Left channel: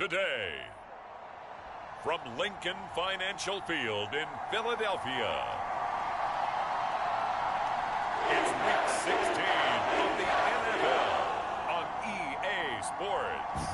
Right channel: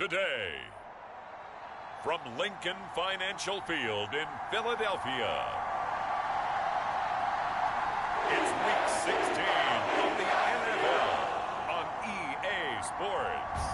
today. From Lincoln Financial Field in Philadelphia, it's Week 16 of the NFL on EA Sports.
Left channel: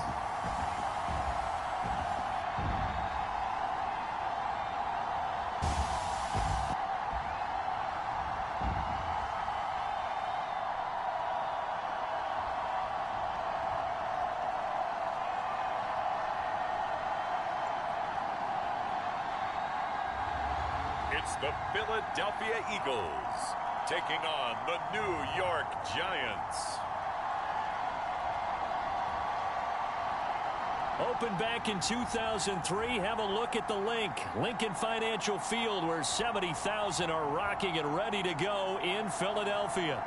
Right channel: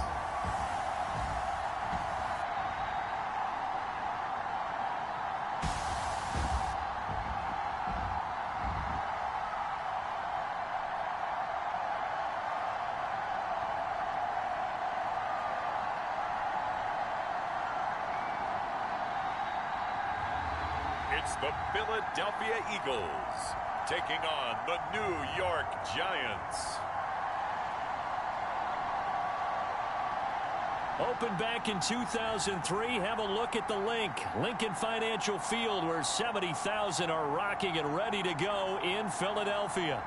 It's the Philadelphia Eagles taking on the New York Giants. Opened back in 2003, have a look at the Lincoln Financial Field, where 70,000 are rocking and ready to go in Philadelphia.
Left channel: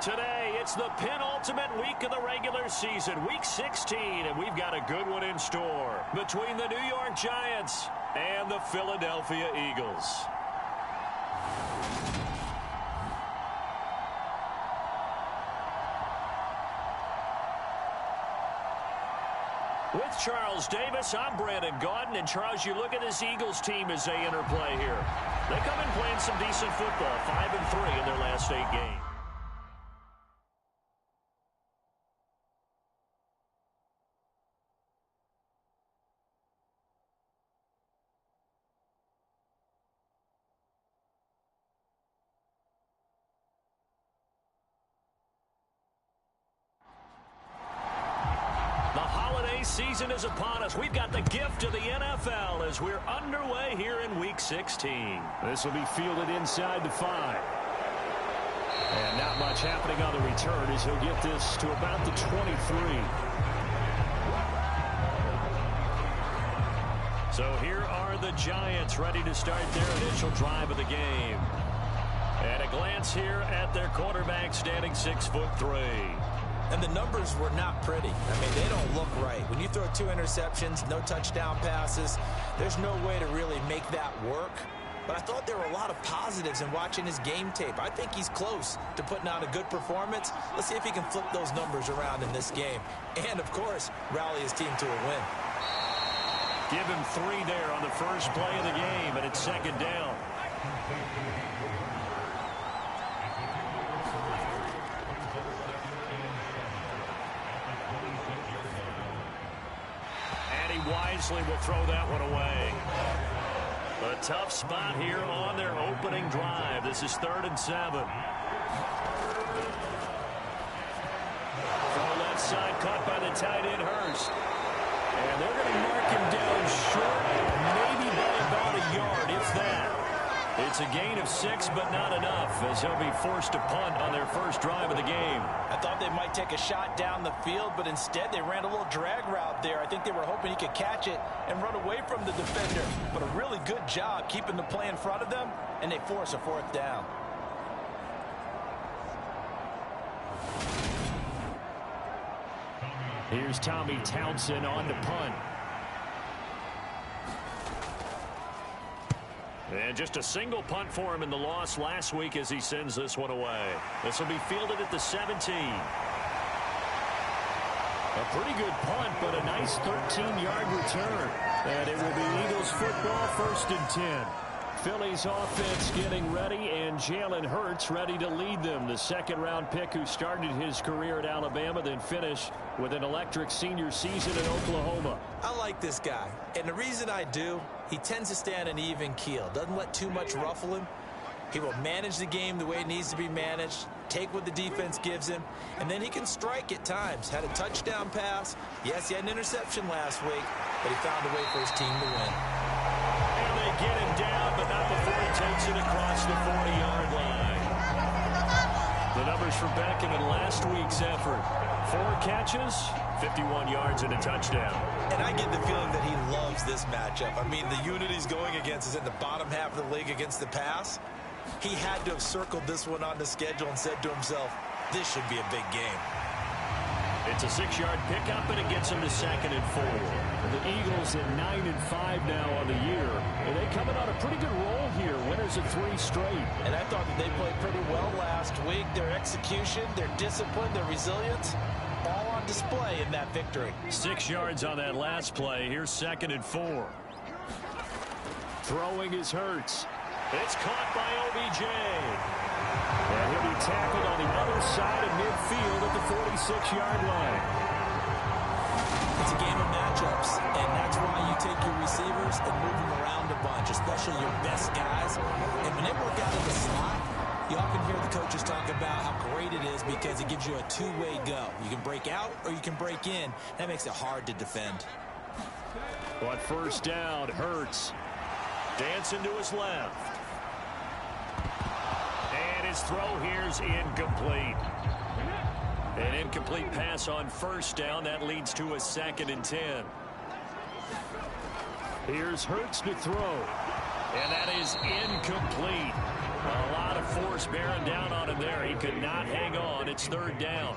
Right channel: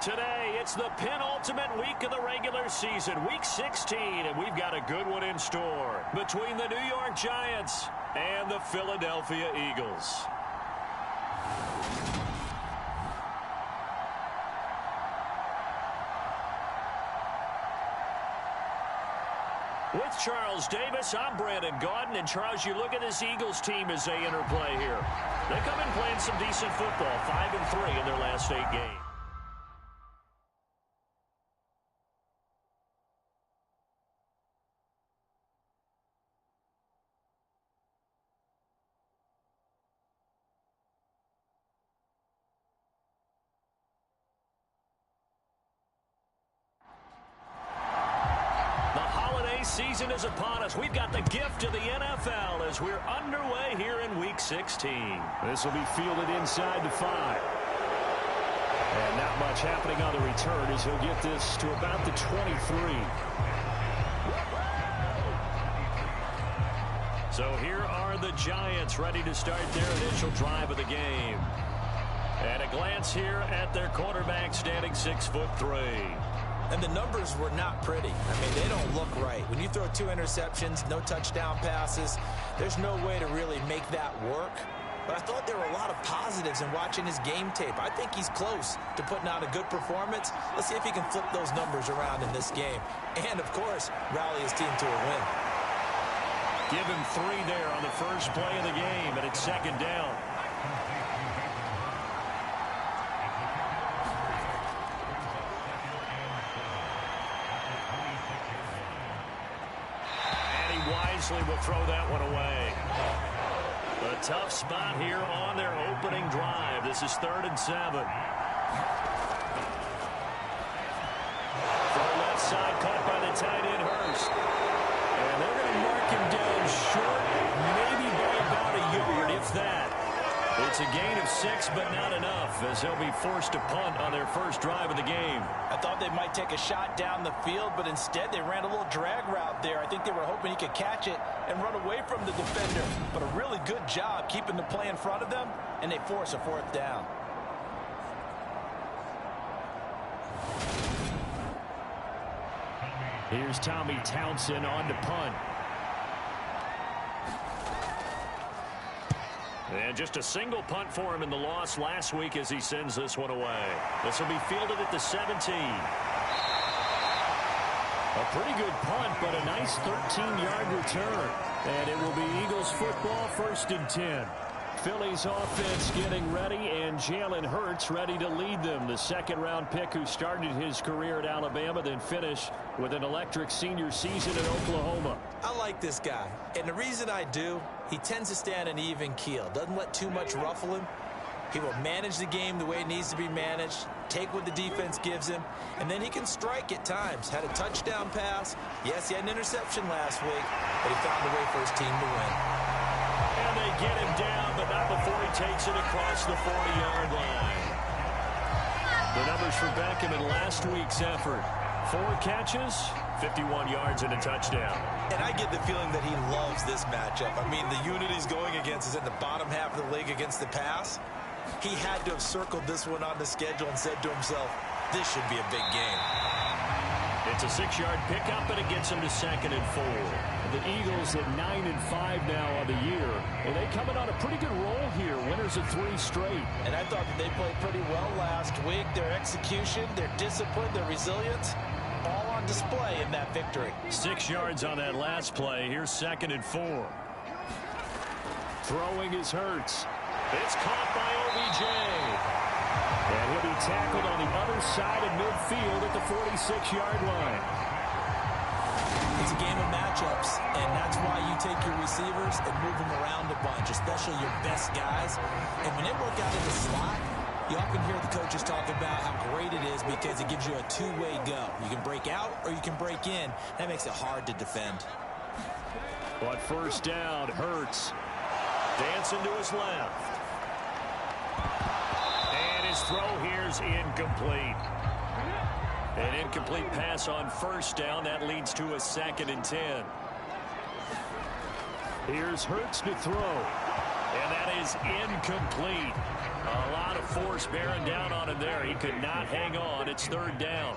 Today, it's the penultimate week of the regular season, Week 16, and we've got a good one in store between the New York Giants and the Philadelphia Eagles. With Charles Davis, I'm Brandon Gaudin. And Charles, you look at this Eagles team as they interplay here. They come in playing some decent football, 5-3 in their last 8 games. Season is upon us. We've got the gift of the NFL as we're underway here in Week 16. This will be fielded inside the 5. And not much happening on the return as he'll get this to about the 23. So here are the Giants ready to start their initial drive of the game. And a glance here at their quarterback, standing 6'3". And the numbers were not pretty. I mean, they don't look right. When you throw 2 interceptions, no touchdown passes, there's no way to really make that work. But I thought there were a lot of positives in watching his game tape. I think he's close to putting out a good performance. Let's see if he can flip those numbers around in this game. And, of course, rally his team to a win. Give him 3 there on the first play of the game, and it's 2nd down. Wisely will throw that one away. A tough spot here on their opening drive. This is 3rd and 7. Throw left side, caught by the tight end, Hurst. And they're going to mark him down short, maybe by about a yard, if that. It's a gain of 6, but not enough, as he'll be forced to punt on their first drive of the game. I thought they might take a shot down the field, but instead they ran a little drag route there. I think they were hoping he could catch it and run away from the defender. But a really good job keeping the play in front of them, and they force a 4th down. Here's Tommy Townsend on to punt. And just a single punt for him in the loss last week as he sends this one away. This will be fielded at the 17. A pretty good punt, but a nice 13-yard return. And it will be Eagles football, 1st and 10. Philly's offense getting ready, and Jalen Hurts ready to lead them. The 2nd-round pick who started his career at Alabama, then finished with an electric senior season in Oklahoma. I like this guy, and the reason I do, he tends to stay on an even keel. Doesn't let too much ruffle him. He will manage the game the way it needs to be managed, take what the defense gives him, and then he can strike at times. Had a touchdown pass. Yes, he had an interception last week, but he found a way for his team to win. And they get him down, but not before he takes it across the 40-yard line. The numbers for Beckham in last week's effort. 4 catches, 51 yards, and a touchdown. And I get the feeling that he loves this matchup. I mean, the unit he's going against is in the bottom half of the league against the pass. He had to have circled this one on the schedule and said to himself, this should be a big game. It's a 6-yard pickup, and it gets him to 2nd and 4. The Eagles at 9-5 now on the year. And they coming on a pretty good roll here. Winners of 3 straight. And I thought that they played pretty well last week. Their execution, their discipline, their resilience, all on display in that victory. 6 yards on that last play. Here's 2nd and 4. Throwing is Hurts. It's caught by OBJ. And he'll be tackled on the other side of midfield at the 46-yard line. It's a game of matchups, and that's why you take your receivers and move them around a bunch, especially your best guys. And when they work out of the slot, you often hear the coaches talk about how great it is because it gives you a two-way go. You can break out or you can break in. That makes it hard to defend. But first down, Hurts. Dancing to his left. And his throw here's incomplete. An incomplete pass on first down. That leads to a 2nd and 10. Here's Hurts to throw. And that is incomplete. A lot of force bearing down on him there. He could not hang on. It's 3rd down.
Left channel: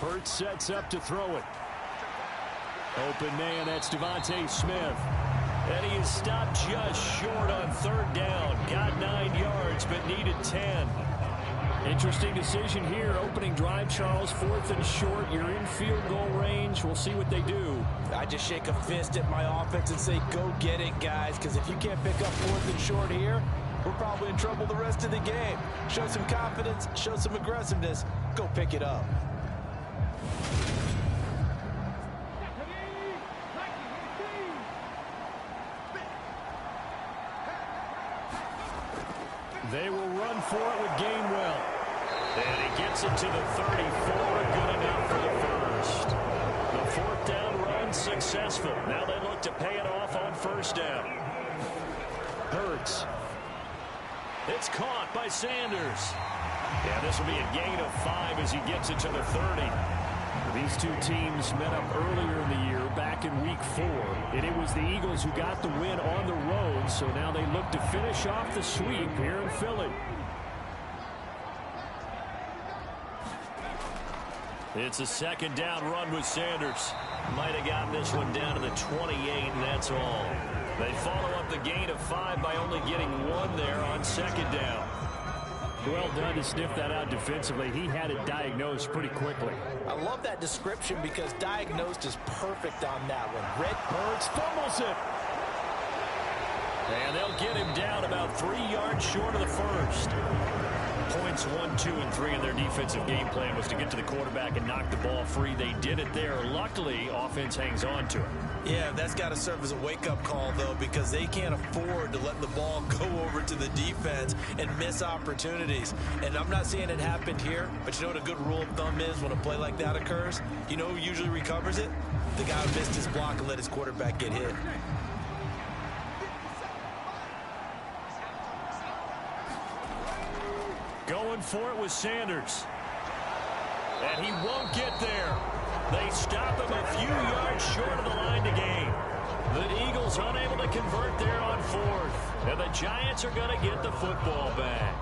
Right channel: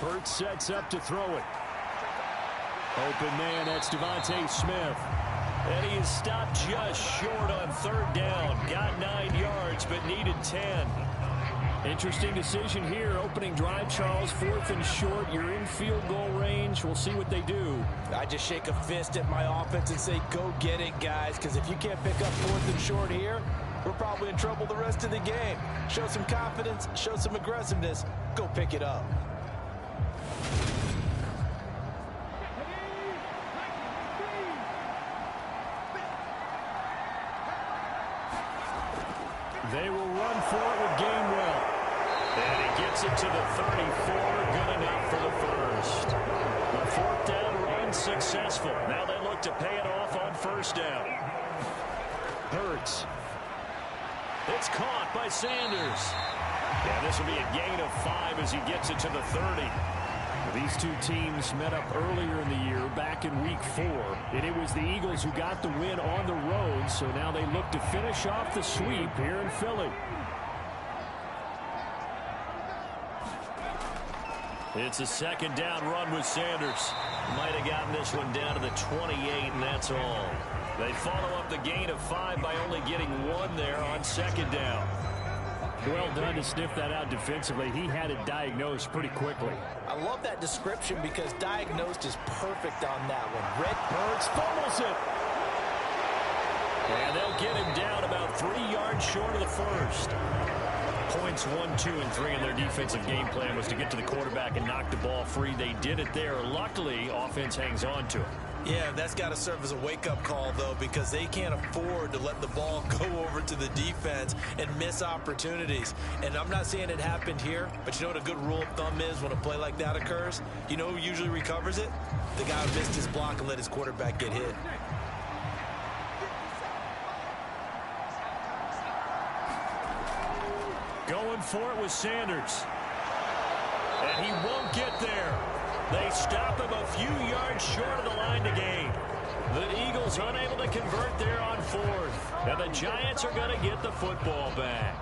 Hurts sets up to throw it. Open man, that's Devontae Smith. And he is stopped just short on 3rd down. Got 9 yards, but needed 10. Interesting decision here. Opening drive, Charles. 4th and short. You're in field goal range. We'll see what they do. I just shake a fist at my offense and say, go get it, guys, because if you can't pick up 4th and short here, we're probably in trouble the rest of the game. Show some confidence, show some aggressiveness, go pick it up. They will run for it with Gainwell. And he gets it to the 34. Good enough for the first. The 4th down run successful. Now they look to pay it off on first down. Hurts. It's caught by Sanders. Yeah, this will be a gain of 5 as he gets it to the 30. These two teams met up earlier in the year, back in week 4, and it was the Eagles who got the win on the road, so now they look to finish off the sweep here in Philly. It's a 2nd down run with Sanders. Might have gotten this one down to the 28, and that's all. They follow up the gain of 5 by only getting 1 there on 2nd down. Well done to sniff that out defensively. He had it diagnosed pretty quickly. I love that description because diagnosed is perfect on that one. Red Hurts fumbles it. And they'll get him down about 3 yards short of the first. Points 1, 2, and 3 in their defensive game plan was to get to the quarterback and knock the ball free. They did it there. Luckily, offense hangs on to it. Yeah, that's got to serve as a wake-up call, though, because they can't afford to let the ball go over to the defense and miss opportunities. And I'm not saying it happened here, but you know what a good rule of thumb is when a play like that occurs? You know who usually recovers it? The guy who missed his block and let his quarterback get hit. Going for it with Sanders. And he won't get there. They stop him a few yards short of the line to gain. The Eagles unable to convert there on 4th. And the Giants are going to get the football back.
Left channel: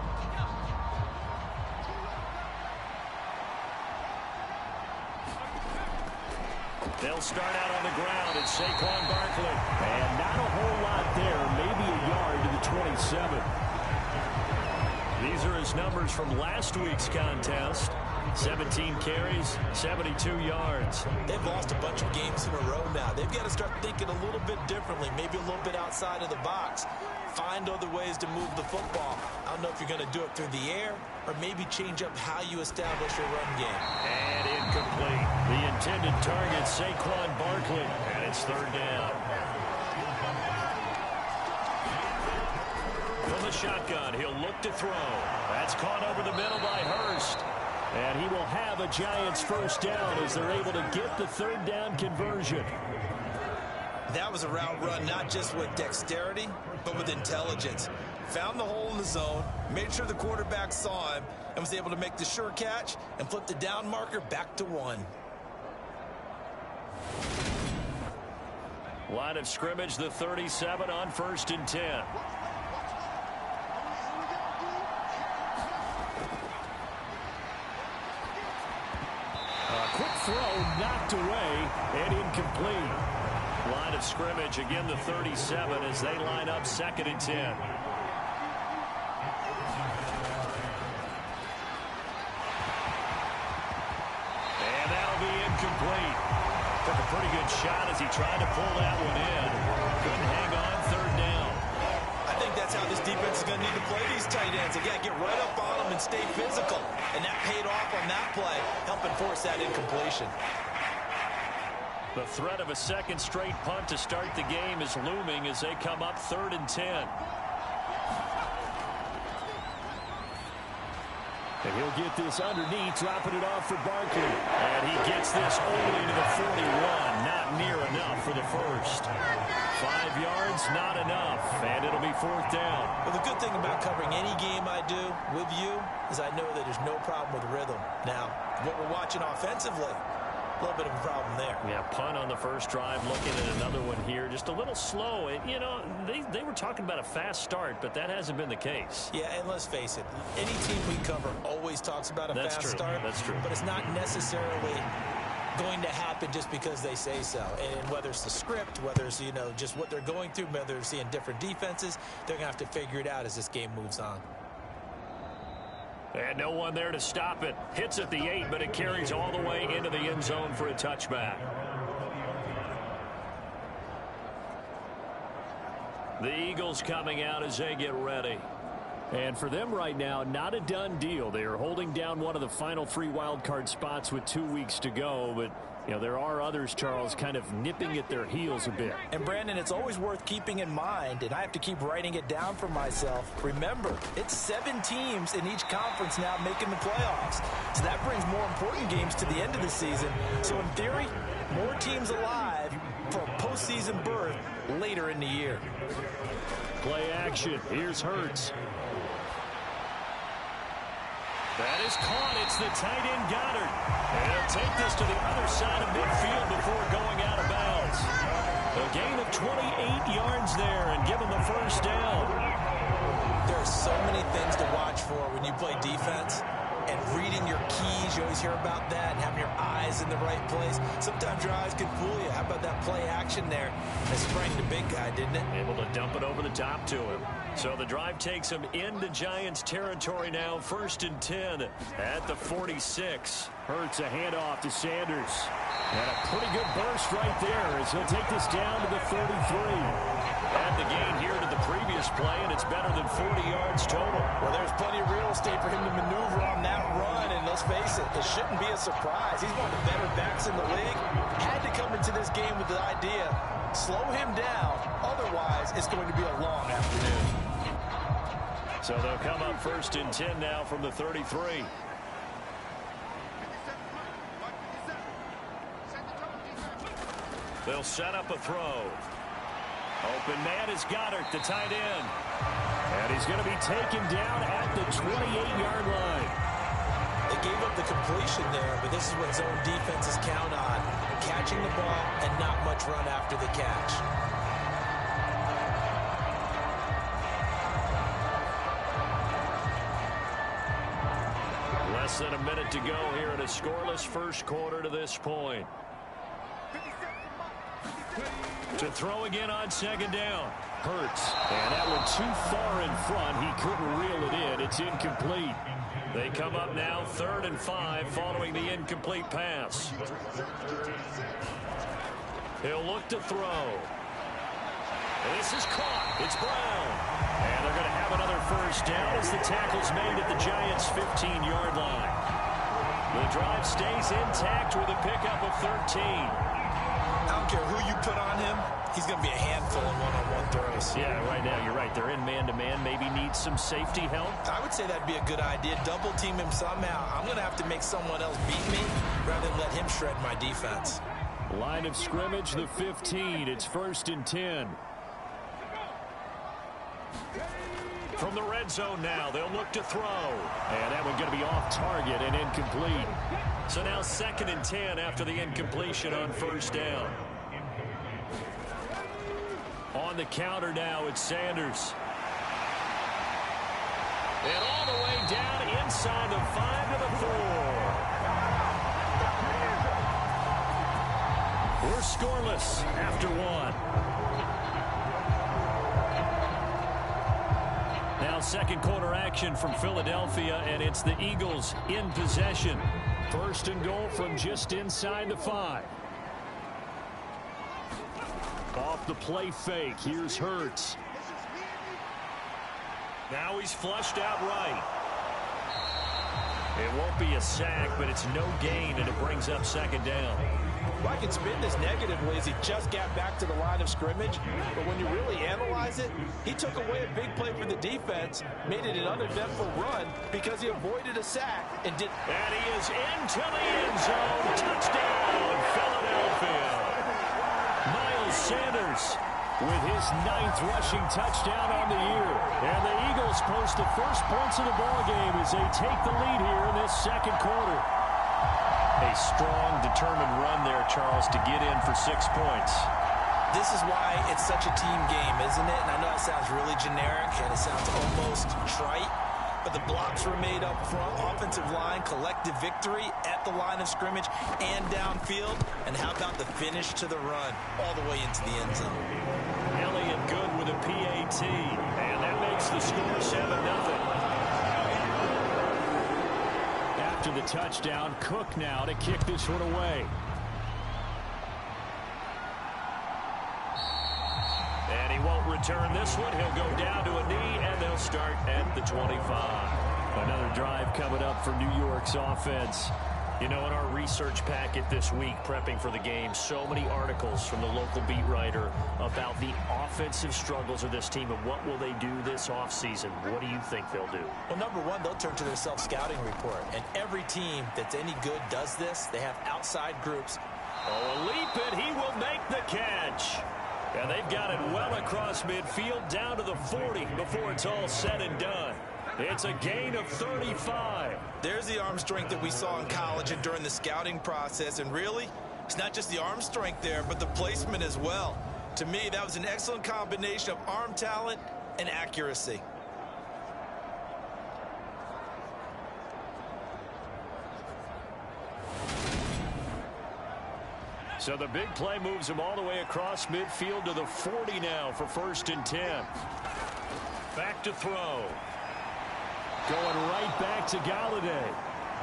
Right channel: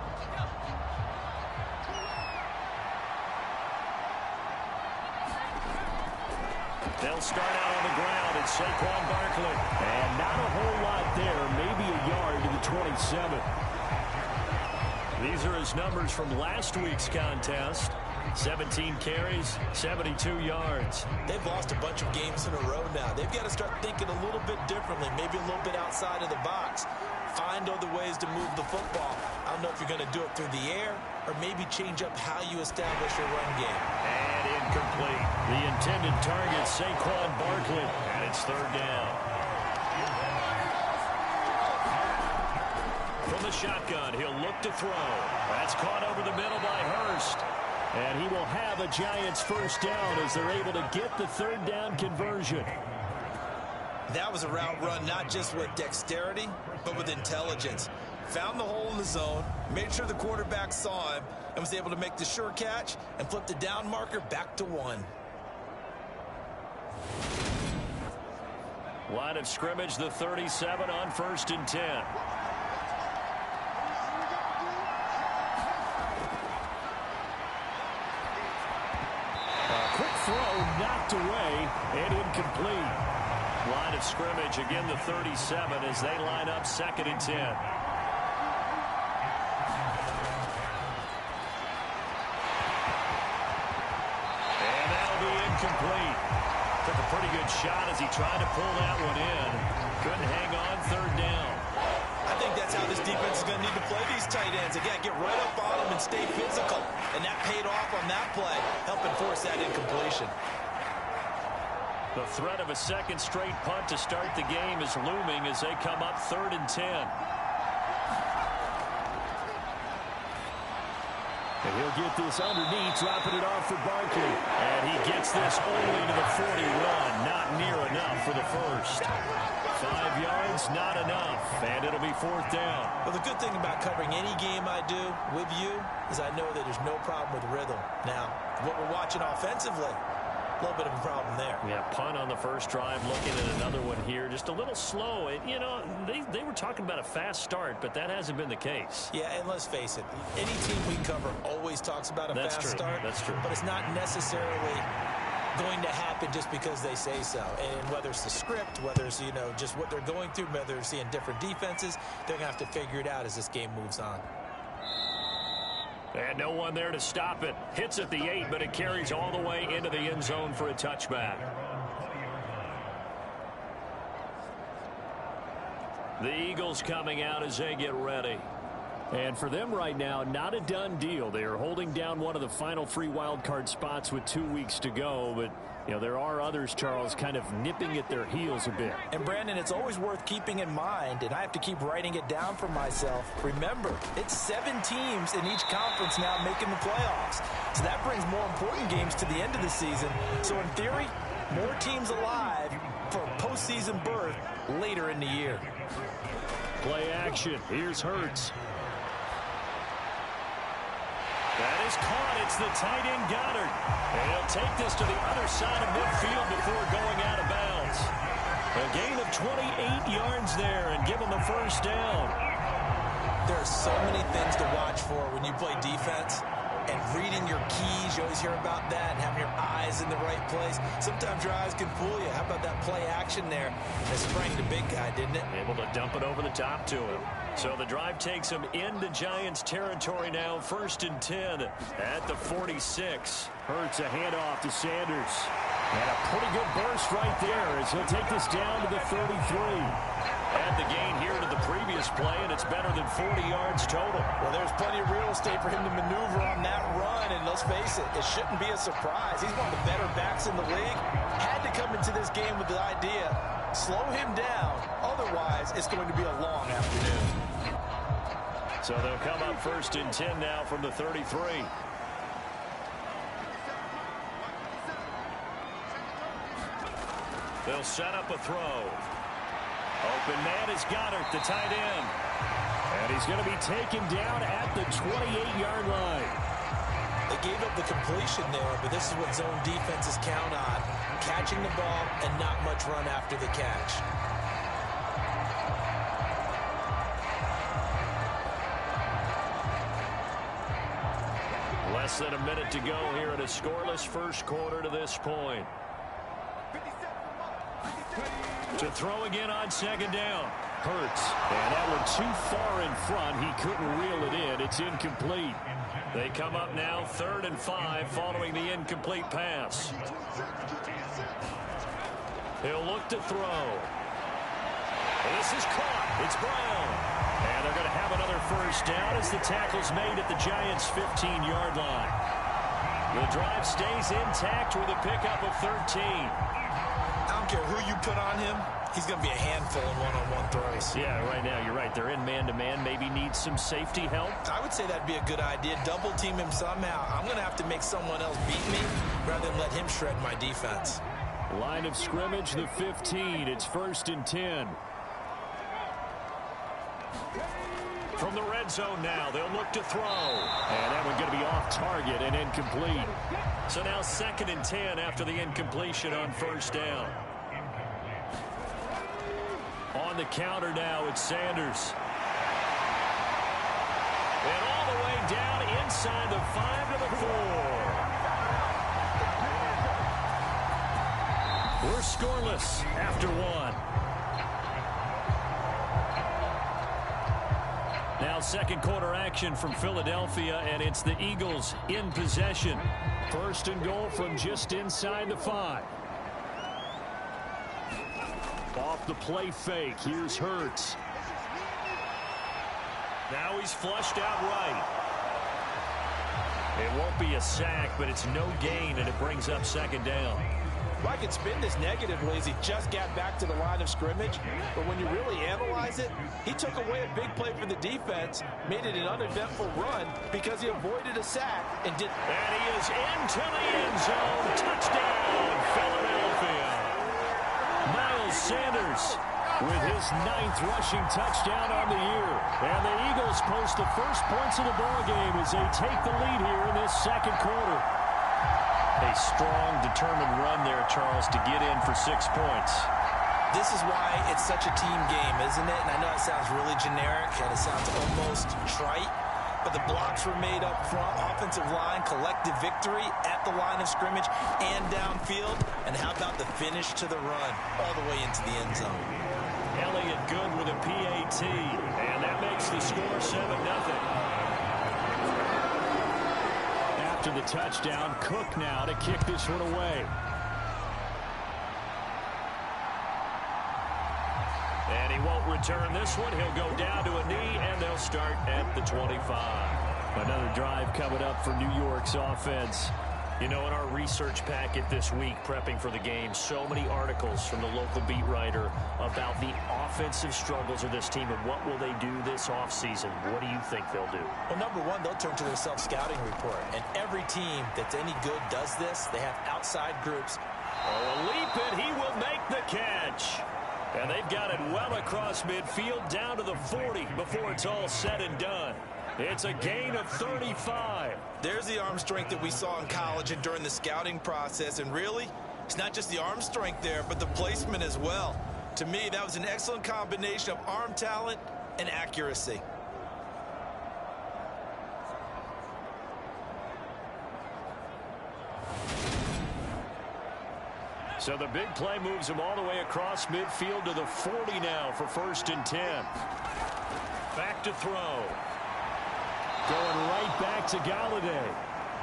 They'll start out on the ground. It's Saquon Barkley. And not a whole lot there. Maybe a yard to the 27. These are his numbers from last week's contest. 17 carries, 72 yards. They've lost a bunch of games in a row now. They've got to start thinking a little bit differently, maybe a little bit outside of the box. Find other ways to move the football. I don't know if you're going to do it through the air or maybe change up how you establish your run game. And incomplete. The intended target, Saquon Barkley, and it's 3rd down. From the shotgun, he'll look to throw. That's caught over the middle by Hurst. And he will have a Giants first down as they're able to get the 3rd down conversion. That was a route run not just with dexterity, but with intelligence. Found the hole in the zone, made sure the quarterback saw him, and was able to make the sure catch and flip the down marker back to 1. Line of scrimmage, the 37 on 1st and 10. Quick throw knocked away and incomplete. Line of scrimmage, again the 37 as they line up 2nd and 10. incomplete. Took a pretty good shot as he tried to pull that one in. Couldn't hang on, third down. I think that's how this defense is going to need to play these tight ends. Again, get right up on them and stay physical. And that paid off on that play, helping force that incompletion. The threat of a second straight punt to start the game is looming as they come up 3rd and 10. And he'll get this underneath, dropping it off for Barkley. And he gets this only to the 41. Not near enough for the first. 5 yards, not enough. And it'll be 4th down. Well, the good thing about covering any game I do with you is I know that there's no problem with rhythm. Now, what we're watching offensively, a little bit of a problem there. Yeah, punt on the first drive, looking at another one here. Just a little slow. You know, they were talking about a fast start, but that hasn't been the case. Yeah, and let's face it, any team we cover always talks about a fast start. That's true. But it's not necessarily going to happen just because they say so. And whether it's the script, whether it's, you know, just what they're going through, whether they're seeing different defenses, they're going to have to figure it out as this game moves on. And no one there to stop it. Hits at the 8, but it carries all the way into the end zone for a touchback. The Eagles coming out as they get ready. And for them right now, not a done deal. They are holding down one of the final 3 wild card spots with 2 weeks to go. But, you know, there are others, Charles, kind of nipping at their heels a bit. And, Brandon, it's always worth keeping in mind, and I have to keep writing it down for myself. Remember, it's 7 teams in each conference now making the playoffs. So that brings more important games to the end of the season. So, in theory, more teams alive for a postseason berth later in the year. Play action. Here's Hurts. That is caught. It's the tight end Goddard. And he'll take this to the other side of midfield before going out of bounds. A gain of 28 yards there and give him the first down. There are so many things to watch for when you play defense. And reading your keys, you always hear about that, and having your eyes in the right place. Sometimes your eyes can fool you. How about that play action there? It sprang the big guy, didn't it? Able to dump it over the top to him. So the drive takes him into Giants territory now. 1st and 10 at the 46. Hurts a handoff to Sanders. And a pretty good burst right there as he'll take this down to the 33. Add the gain here to the previous play, and it's better than 40 yards total. Well, there's plenty of real estate for him to maneuver on that run, and let's face it, it shouldn't be a surprise. He's one of the better backs in the league. Had to come into this game with the idea, slow him down, otherwise it's going to be a long afternoon. So they'll come up 1st and 10 now from the 33. They'll set up a throw. Open man is Goddard, the tight end. And he's going to be taken down at the 28-yard line. They gave up the completion there, but this is what zone defenses count on. Catching the ball and not much run after the catch. Less than a minute to go here in a scoreless first quarter to this point. To throw again on 2nd down. Hurts. And that one too far in front. He couldn't reel it in. It's incomplete. They come up now 3rd and 5 following the incomplete pass. He'll look to throw. This is caught. It's Brown. And they're going to have another first down as the tackle's made at the Giants' 15-yard line. The drive stays intact with a pickup of 13. I don't care who you put on him. He's going to be a handful in one-on-one throws. Yeah, right now, you're right. They're in man-to-man. Maybe needs some safety help. I would say that'd be a good idea. Double team him somehow. I'm going to have to make someone else beat me rather than let him shred my defense. Line of scrimmage, the 15. It's 1st and 10. From the red zone now, they'll look to throw. And that one going to be off target and incomplete. So now 2nd and 10 after the incompletion on 1st down. On the counter now, it's Sanders. And all the way down inside the 5 to the 4. We're scoreless after 1. Now second quarter action from Philadelphia, and it's the Eagles in possession. First and goal from just inside the 5. Off the play fake, here's Hurts. Now he's flushed out right. It won't be a sack, but it's no gain, and it brings up second down. Well, I can spin this negatively as he just got back to the line of scrimmage. But when you really analyze it, he took away a big play for the defense, made it an uneventful run because he avoided a sack and did. And he is into the end zone. Touchdown, Philadelphia. Miles Sanders with his 9th rushing touchdown on the year. And the Eagles post the first points of the ballgame as they take the lead here in this second quarter. A strong, determined run there, Charles, to get in for 6 points. This is why it's such a team game, isn't it? And I know it sounds really generic and it sounds almost trite, but the blocks were made up front, offensive line, collective victory at the line of scrimmage and downfield. And how about the finish to the run all the way into the end zone? Elliott good with a PAT, and that makes the score 7-0. After the touchdown, Cook now to kick this one away. And he won't return this one. He'll go down to a knee, and they'll start at the 25. Another drive coming up for New York's offense. You know, in our research packet this week, prepping for the game, so many articles from the local beat writer about the offensive struggles of this team and what will they do this offseason. What do you think they'll do? Well, number one, they'll turn to their self-scouting report. And every team that's any good does this. They have outside groups. Oh, a leap, and he will make the catch. And they've got it well across midfield down to the 40 before it's all said and done. It's a gain of 35. There's the arm strength that we saw in college and during the scouting process. And really, it's not just the arm strength there, but the placement as well. To me, that was an excellent combination of arm talent and accuracy. So the big play moves him all the way across midfield to the 40 now for 1st and 10. Back to throw. Going right back to Galladay.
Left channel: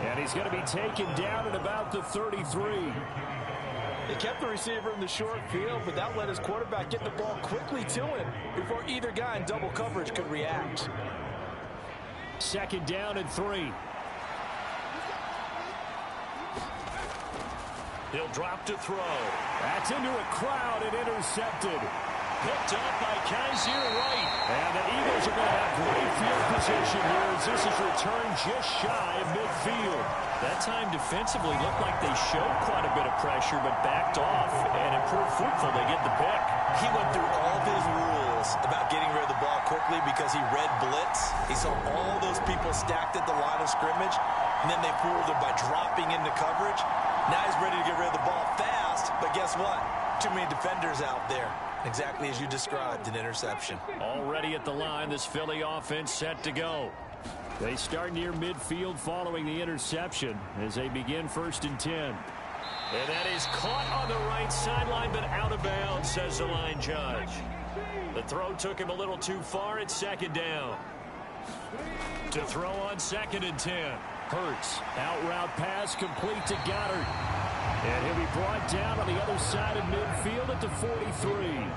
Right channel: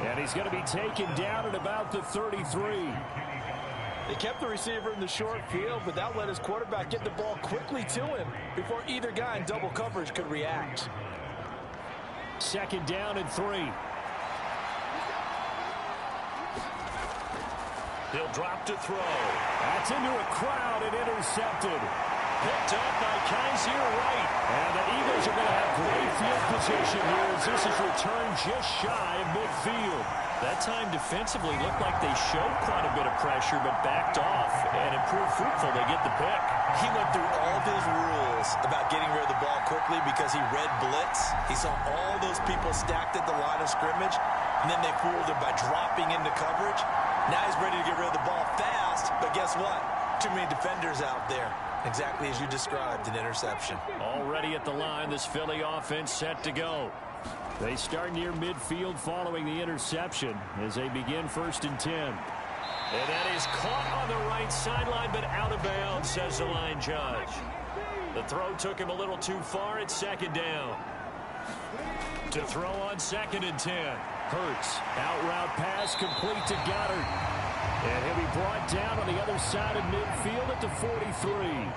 And he's going to be taken down at about the 33. They kept the receiver in the short field, but that let his quarterback get the ball quickly to him before either guy in double coverage could react. 2nd down and 3. He'll drop to throw. That's into a crowd and intercepted. Picked up by Kaiser Wright. And the Eagles are going to have great field position here as this is returned just shy of midfield. That time defensively looked like they showed quite a bit of pressure but backed off and improved fruitful. They get the pick. He went through all of his rules about getting rid of the ball quickly because he read blitz. He saw all those people stacked at the line of scrimmage, and then they fooled him by dropping into coverage. Now he's ready to get rid of the ball fast, but guess what? Too many defenders out there. Exactly as you described, an interception. Already at the line, this Philly offense set to go. They start near midfield following the interception as they begin 1st and 10. And that is caught on the right sideline, but out of bounds, says the line judge. The throw took him a little too far. It's 2nd down. To throw on 2nd and 10. Hurts, out route pass complete to Goddard. And he'll be brought down on the other side of midfield at the 43.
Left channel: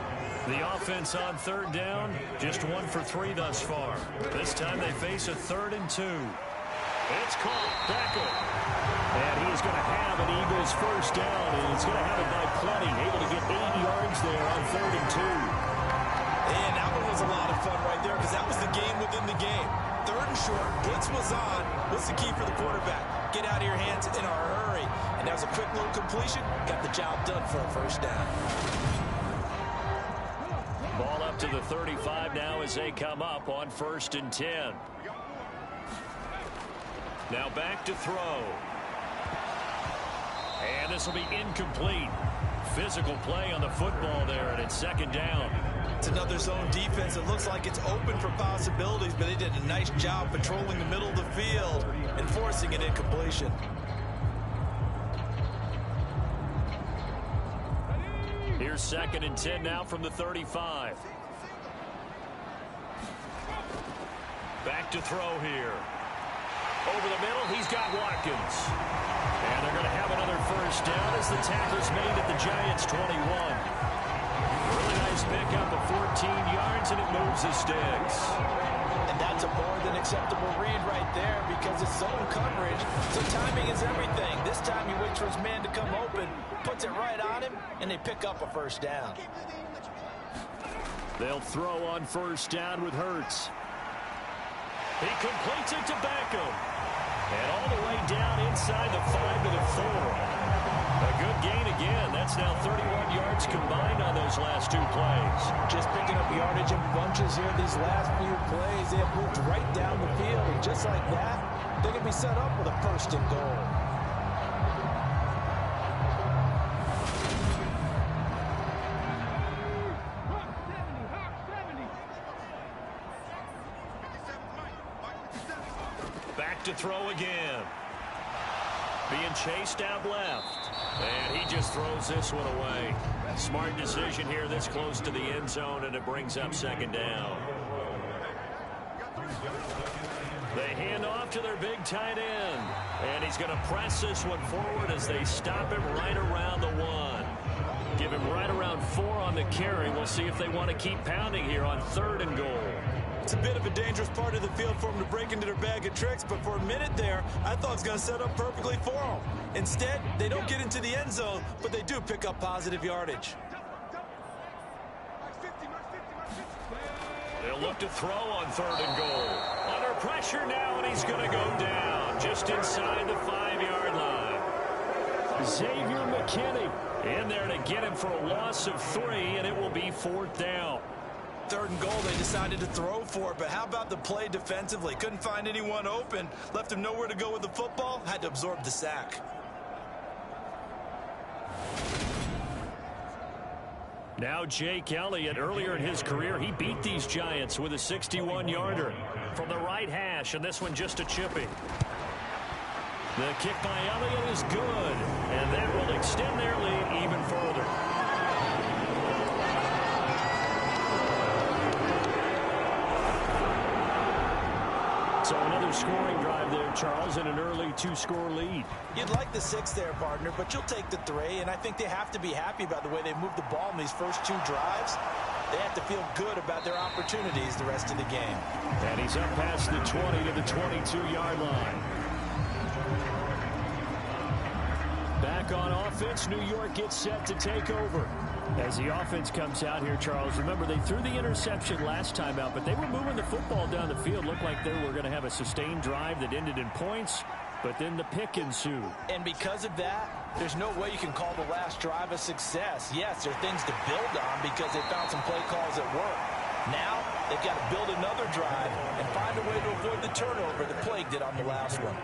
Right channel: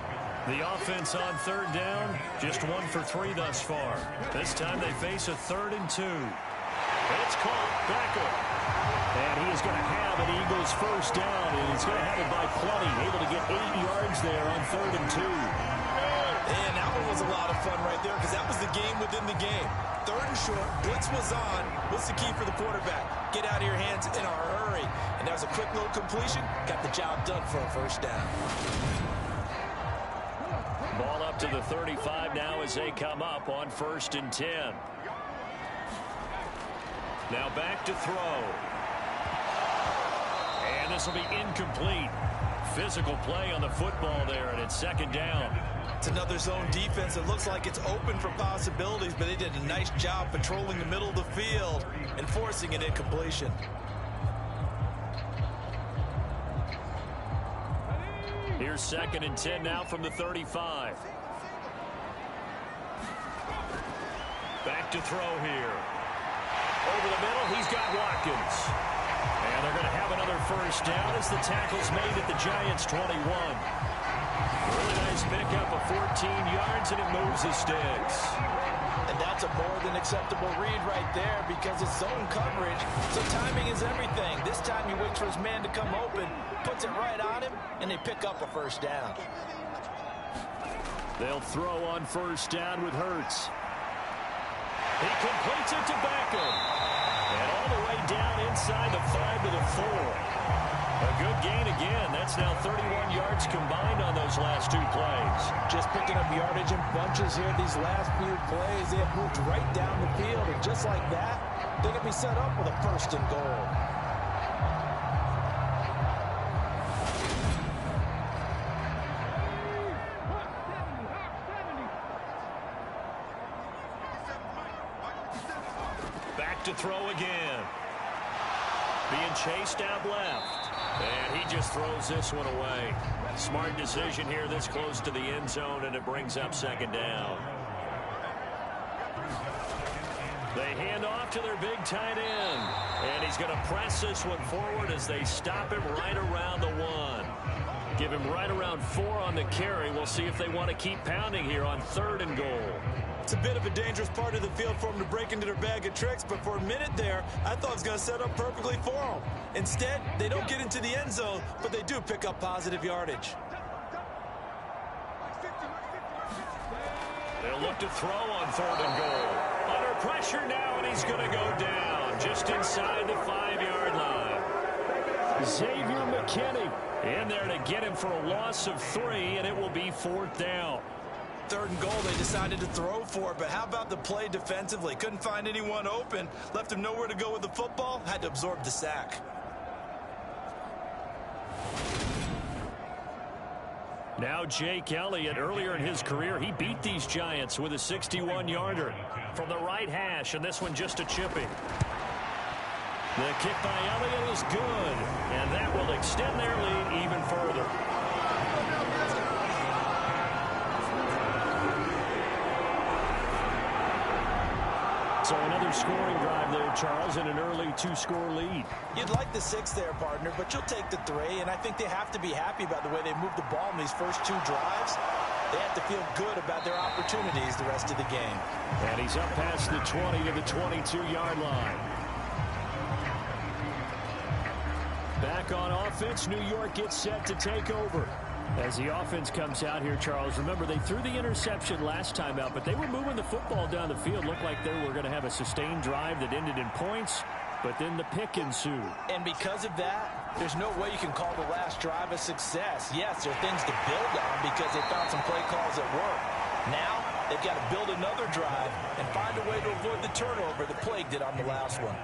The offense on 3rd down, just 1 for 3 thus far. This time they face a 3rd and 2. It's caught, Becker. And he is going to have an Eagles 1st down, and he's going to have it by plenty, able to get 8 yards there on 3rd and 2. And that one was a lot of fun right there because that was the game within the game. 3rd and short, blitz was on. What's the key for the quarterback? Get out of your hands in a hurry. And that was a quick little completion. Got the job done for a 1st down. Ball up to the 35 now as they come up on 1st and 10. Now back to throw. And this will be incomplete. Physical play on the football there, and it's 2nd down. It's another zone defense. It looks like it's open for possibilities, but they did a nice job patrolling the middle of the field and forcing an incompletion. Here's 2nd and 10 now from the 35. back to throw here. Over the middle, he's got Watkins. And they're going to have another first down as the tackle's made at the Giants' 21. Really nice pickup of 14 yards, and it moves the sticks. And that's a more than acceptable read right there because it's zone coverage, so timing is everything. This time he waits for his man to come open, puts it right on him, and they pick up a first down. They'll throw on first down with Hurts. He completes it to Beckham. And all the way down inside the 5 to the 4. A good gain again. That's now 31 yards combined on those last two plays. Just picking up yardage in bunches here these last few plays. They have moved right down the field, and just like that, they're going to be set up with a first and goal. Back to throw again. Being chased out left. And he just throws this one away. Smart decision here this close to the end zone, and it brings up second down. They hand off to their big tight end. And he's going to press this one forward as they stop him right around the 1. Give him right around 4 on the carry. We'll see if they want to keep pounding here on 3rd and goal. It's a bit of a dangerous part of the field for them to break into their bag of tricks, but for a minute there, I thought it was going to set up perfectly for them. Instead, they don't get into the end zone, but they do pick up positive yardage. They'll look to throw on 3rd and goal. Under pressure now, and he's going to go down just inside the 5-yard line. Xavier McKinney in there to get him for a loss of 3, and it will be 4th down. 3rd and goal, they decided to throw for it, but how about the play defensively? Couldn't find anyone open, left him nowhere to go with the football, had to absorb the sack. Now Jake Elliott, earlier in his career, he beat these Giants with a 61-yarder from the right hash, and this one just a chipping. The kick by Elliott is good, and that will extend their lead even further. So another scoring drive there, Charles, and an early 2-score lead. You'd like the 6 there, partner, but you'll take the 3, and I think they have to be happy about the way they moved the ball in these first 2 drives. They have to feel good about their opportunities the rest of the game. And he's up past the 20 to the 22-yard line. Back on offense, New York gets set to take over. As the offense comes out here, Charles, remember they threw the interception last time out, but they were moving the football down the field. Looked like they were going to have a sustained drive that ended in points, but then the pick ensued. And because of that, there's no way you can call the last drive a success. Yes, there are things to build on because they found some play calls that work. Now, they've got to build another drive and find a way to avoid the turnover that plagued it on the last one.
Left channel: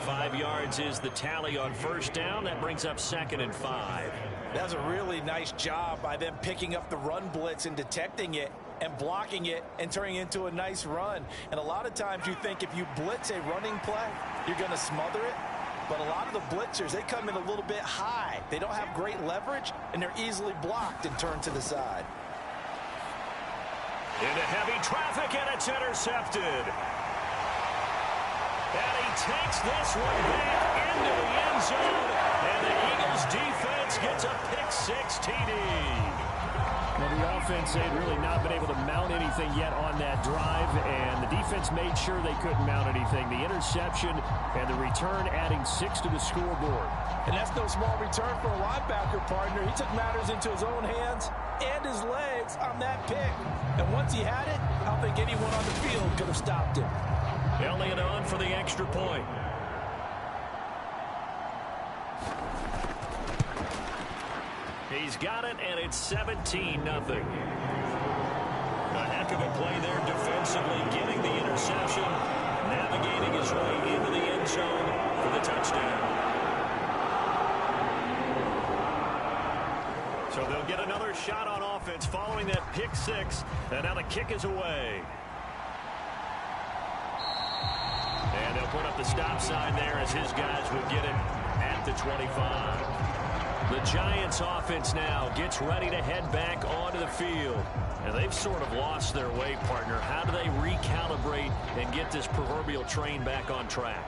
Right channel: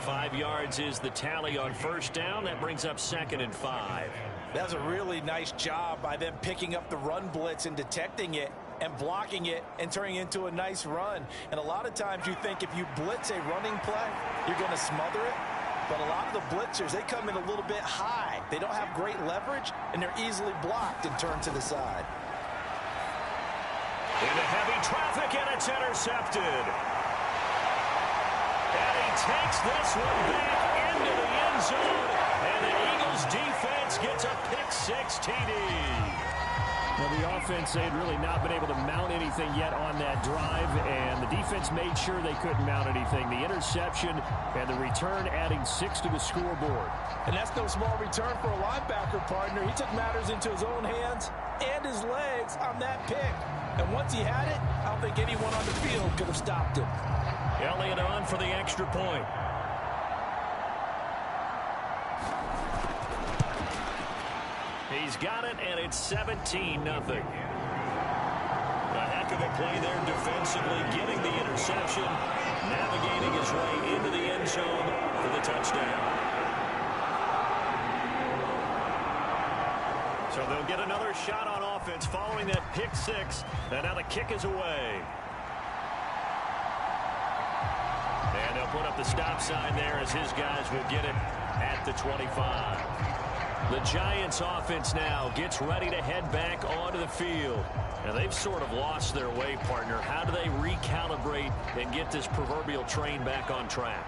5 yards is the tally on first down. That brings up 2nd and 5. That was a really nice job by them picking up the run blitz and detecting it and blocking it and turning it into a nice run. And a lot of times you think if you blitz a running play, you're going to smother it. But a lot of the blitzers, they come in a little bit high. They don't have great leverage, and they're easily blocked and turned to the side. Into heavy traffic, and it's intercepted. And he takes this one back into the end zone, and the Eagles defense gets a pick-6 TD. Now, the offense, they had really not been able to mount anything yet on that drive, and the defense made sure they couldn't mount anything. The interception and the return adding 6 to the scoreboard. And that's no small return for a linebacker, partner. He took matters into his own hands and his legs on that pick. And once he had it, I don't think anyone on the field could have stopped him. Elliott on for the extra point. He's got it, and it's 17-0. A heck of a play there defensively, getting the interception, navigating his way into the end zone for the touchdown. So they'll get another shot on offense following that pick-6, and now the kick is away. And they'll put up the stop sign there as his guys will get it at the 25. The Giants offense now gets ready to head back onto the field. And they've sort of lost their way, partner. How do they recalibrate and get this proverbial train back on track?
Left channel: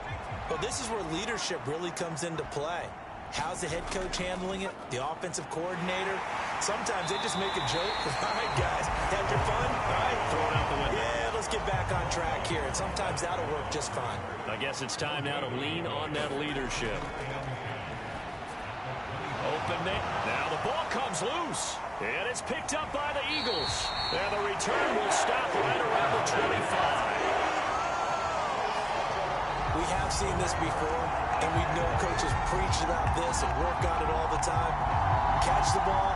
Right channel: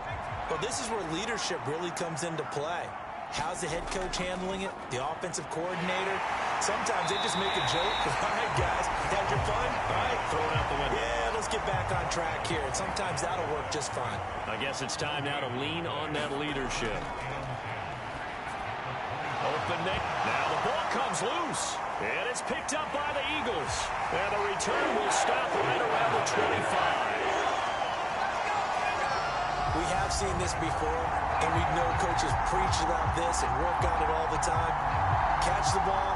Well, this is where leadership really comes into play. How's the head coach handling it? The offensive coordinator? Sometimes they just make a joke. All right, guys, had your fun? All right. Throw it out the window. Yeah, let's get back on track here. And sometimes that'll work just fine. I guess it's time now to lean on that leadership. Open it. Now the ball comes loose. And it's picked up by the Eagles. And the return will stop right around the 25. We have seen this before, and we know coaches preach about this and work on it all the time. Catch the ball.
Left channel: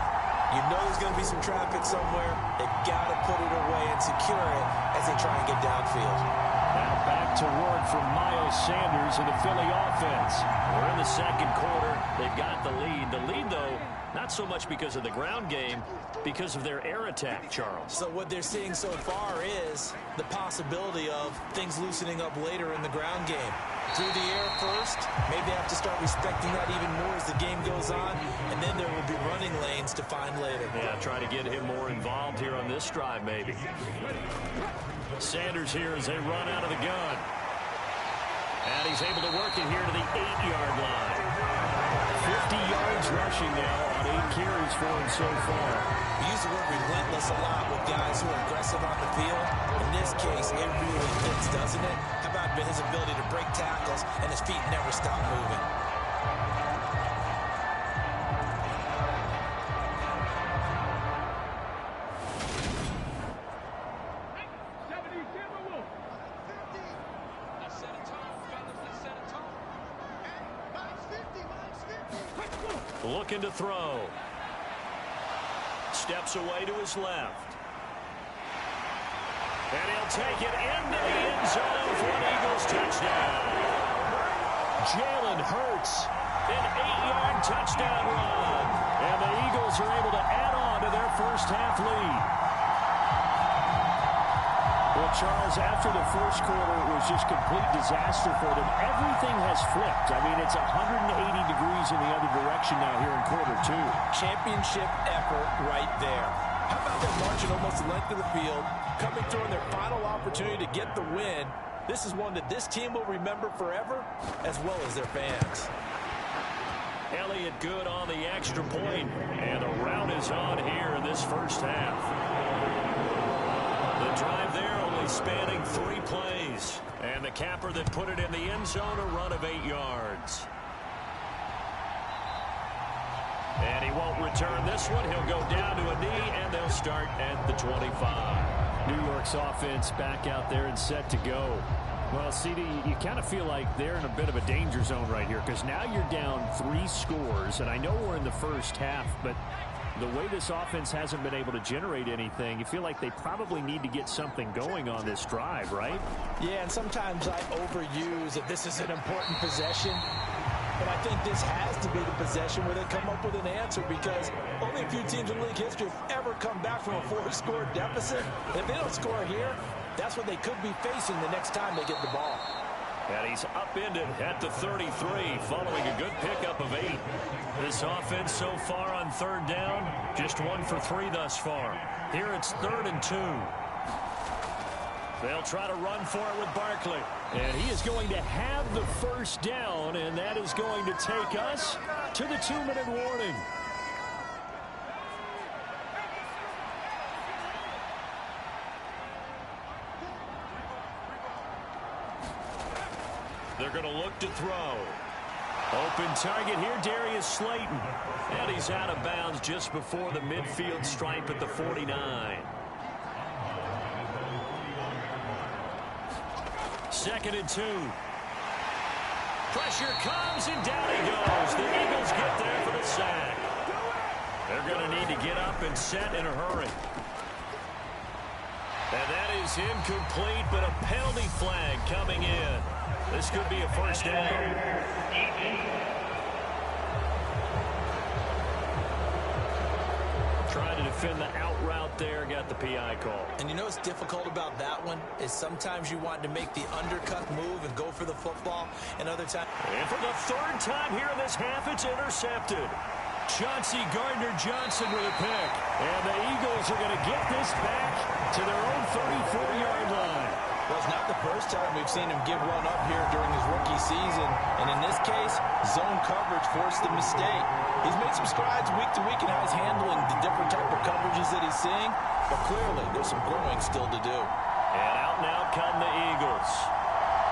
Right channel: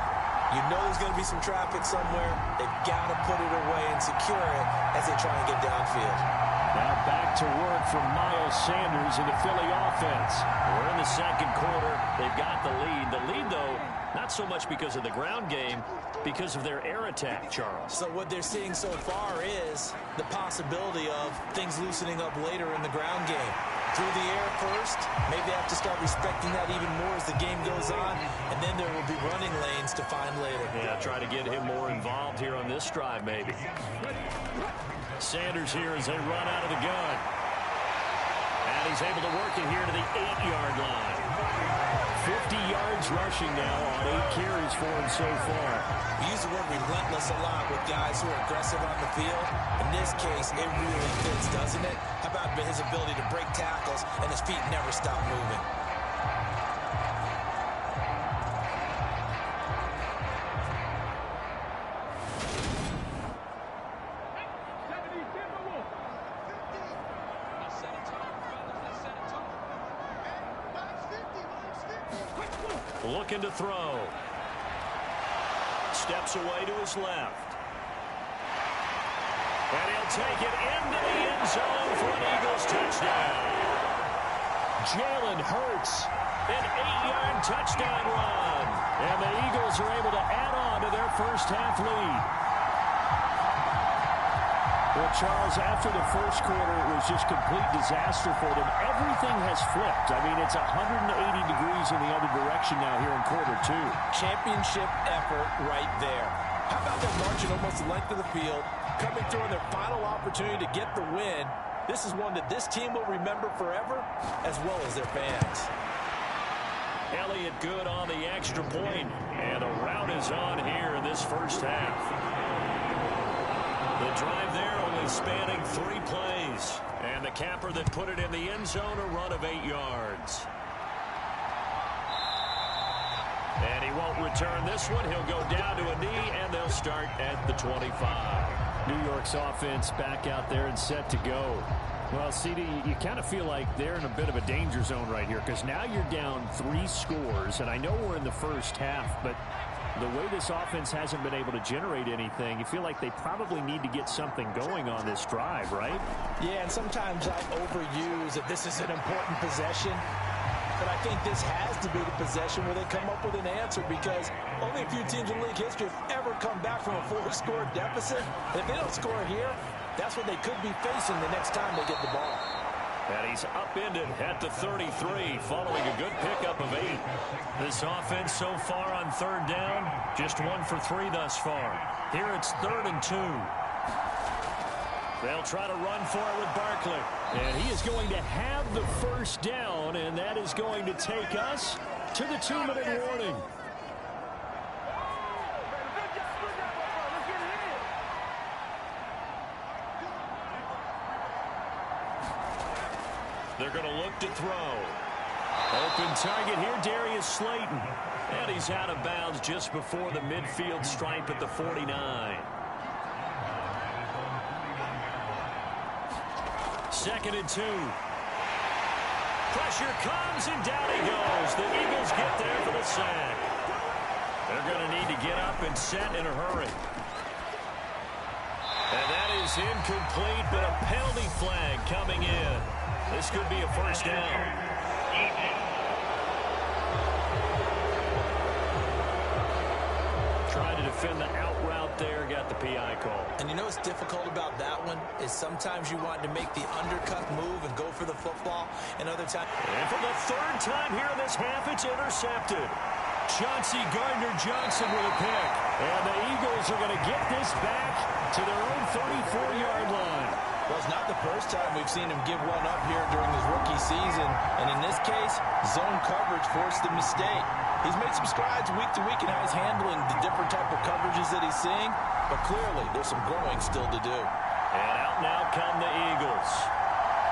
You know there's going to be some traffic somewhere. They've got to put it away and secure it as they try and get downfield. Now back to work from Miles Sanders and the Philly offense. We're in the second quarter. They've got the lead. The lead, though, not so much because of the ground game, because of their air attack, Charles. So what they're seeing so far is the possibility of things loosening up later in the ground game. Through the air first, maybe they have to start respecting that even more as the game goes on, and then there will be running lanes to find later. Yeah, try to get him more involved here on this drive, maybe. Sanders here as they run out of the gun. And he's able to work it here to the 8-yard line. 50 yards rushing now on 8 carries for him so far. We use the word relentless a lot with guys who are aggressive on the field. In this case, it really fits, doesn't it? How about his ability to break tackles and his feet never stop moving? Looking to throw. Steps away to his left. And he'll take it into the end zone for an Eagles touchdown. Jalen Hurts, an 8-yard touchdown run. And the Eagles are able to add on to their first half lead. Well, Charles, after the first quarter, it was just complete disaster for them. Everything has flipped. I mean, it's 180 degrees in the other direction now here in quarter 2. Championship effort right there. How about them marching almost the length of the field, coming through on their final opportunity to get the win? This is one that this team will remember forever, as well as their fans. Elliott good on the extra point, and the rout is on here in this first half. The drive there only spanning 3 plays. And the capper that put it in the end zone, a run of 8 yards. And he won't return this one. He'll go down to a knee, and they'll start at the 25. New York's offense back out there and set to go. Well, CD, you kind of feel like they're in a bit of a danger zone right here because now you're down 3 scores, and I know we're in the first half, but the way this offense hasn't been able to generate anything, you feel like they probably need to get something going on this drive, right? Yeah, and sometimes I overuse that this is an important possession. But I think this has to be the possession where they come up with an answer because only a few teams in league history have ever come back from a 4-score deficit. And if they don't score here, that's what they could be facing the next time they get the ball. And he's upended at the 33 following a good pickup of 8. This offense so far on third down, just 1 for 3 thus far. Here it's 3rd and 2. They'll try to run for it with Barkley. And he is going to have the first down, and that is going to take us to the 2-minute warning. They're going to look to throw. Open target here, Darius Slayton. And he's out of bounds just before the midfield stripe at the 49. 2nd and 2. Pressure comes, and down he goes. The Eagles get there for the sack. They're going to need to get up and set in a hurry. And that is incomplete, but a penalty flag coming in. This could be a first down. Trying to defend the out route there, got the PI call. And you know what's difficult about that one is sometimes you want to make the undercut move and go for the football, and other times. And for the third time here in this half, it's intercepted. Chauncey Gardner-Johnson with a pick. And the Eagles are going to get this back to their own 34-yard line. Well, it's not the first time we've seen him give one up here during his rookie season. And in this case, zone coverage forced the mistake. He's made some strides week to week in how he's handling the different type of coverages that he's seeing. But clearly, there's some growing still to do. And out now come the Eagles.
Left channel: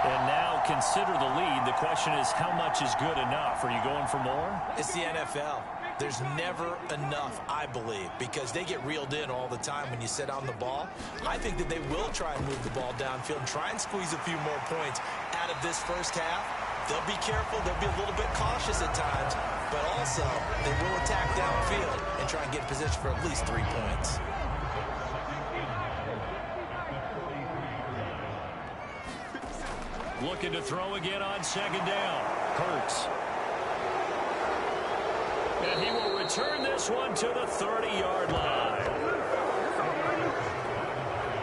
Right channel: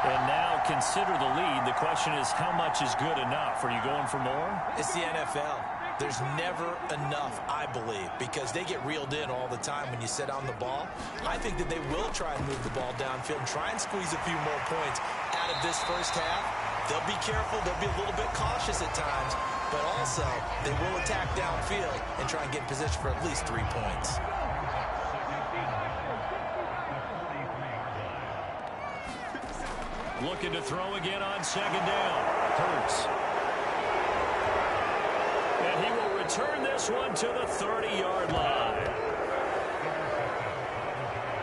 And now consider the lead. The question is, how much is good enough? Are you going for more? It's the NFL. There's never enough, I believe, because they get reeled in all the time when you sit on the ball. I think that they will try and move the ball downfield and try and squeeze a few more points out of this first half. They'll be careful. They'll be a little bit cautious at times, but also they will attack downfield and try and get in position for at least 3 points. Looking to throw again on second down. Hurts. And he will return this one to the 30-yard line.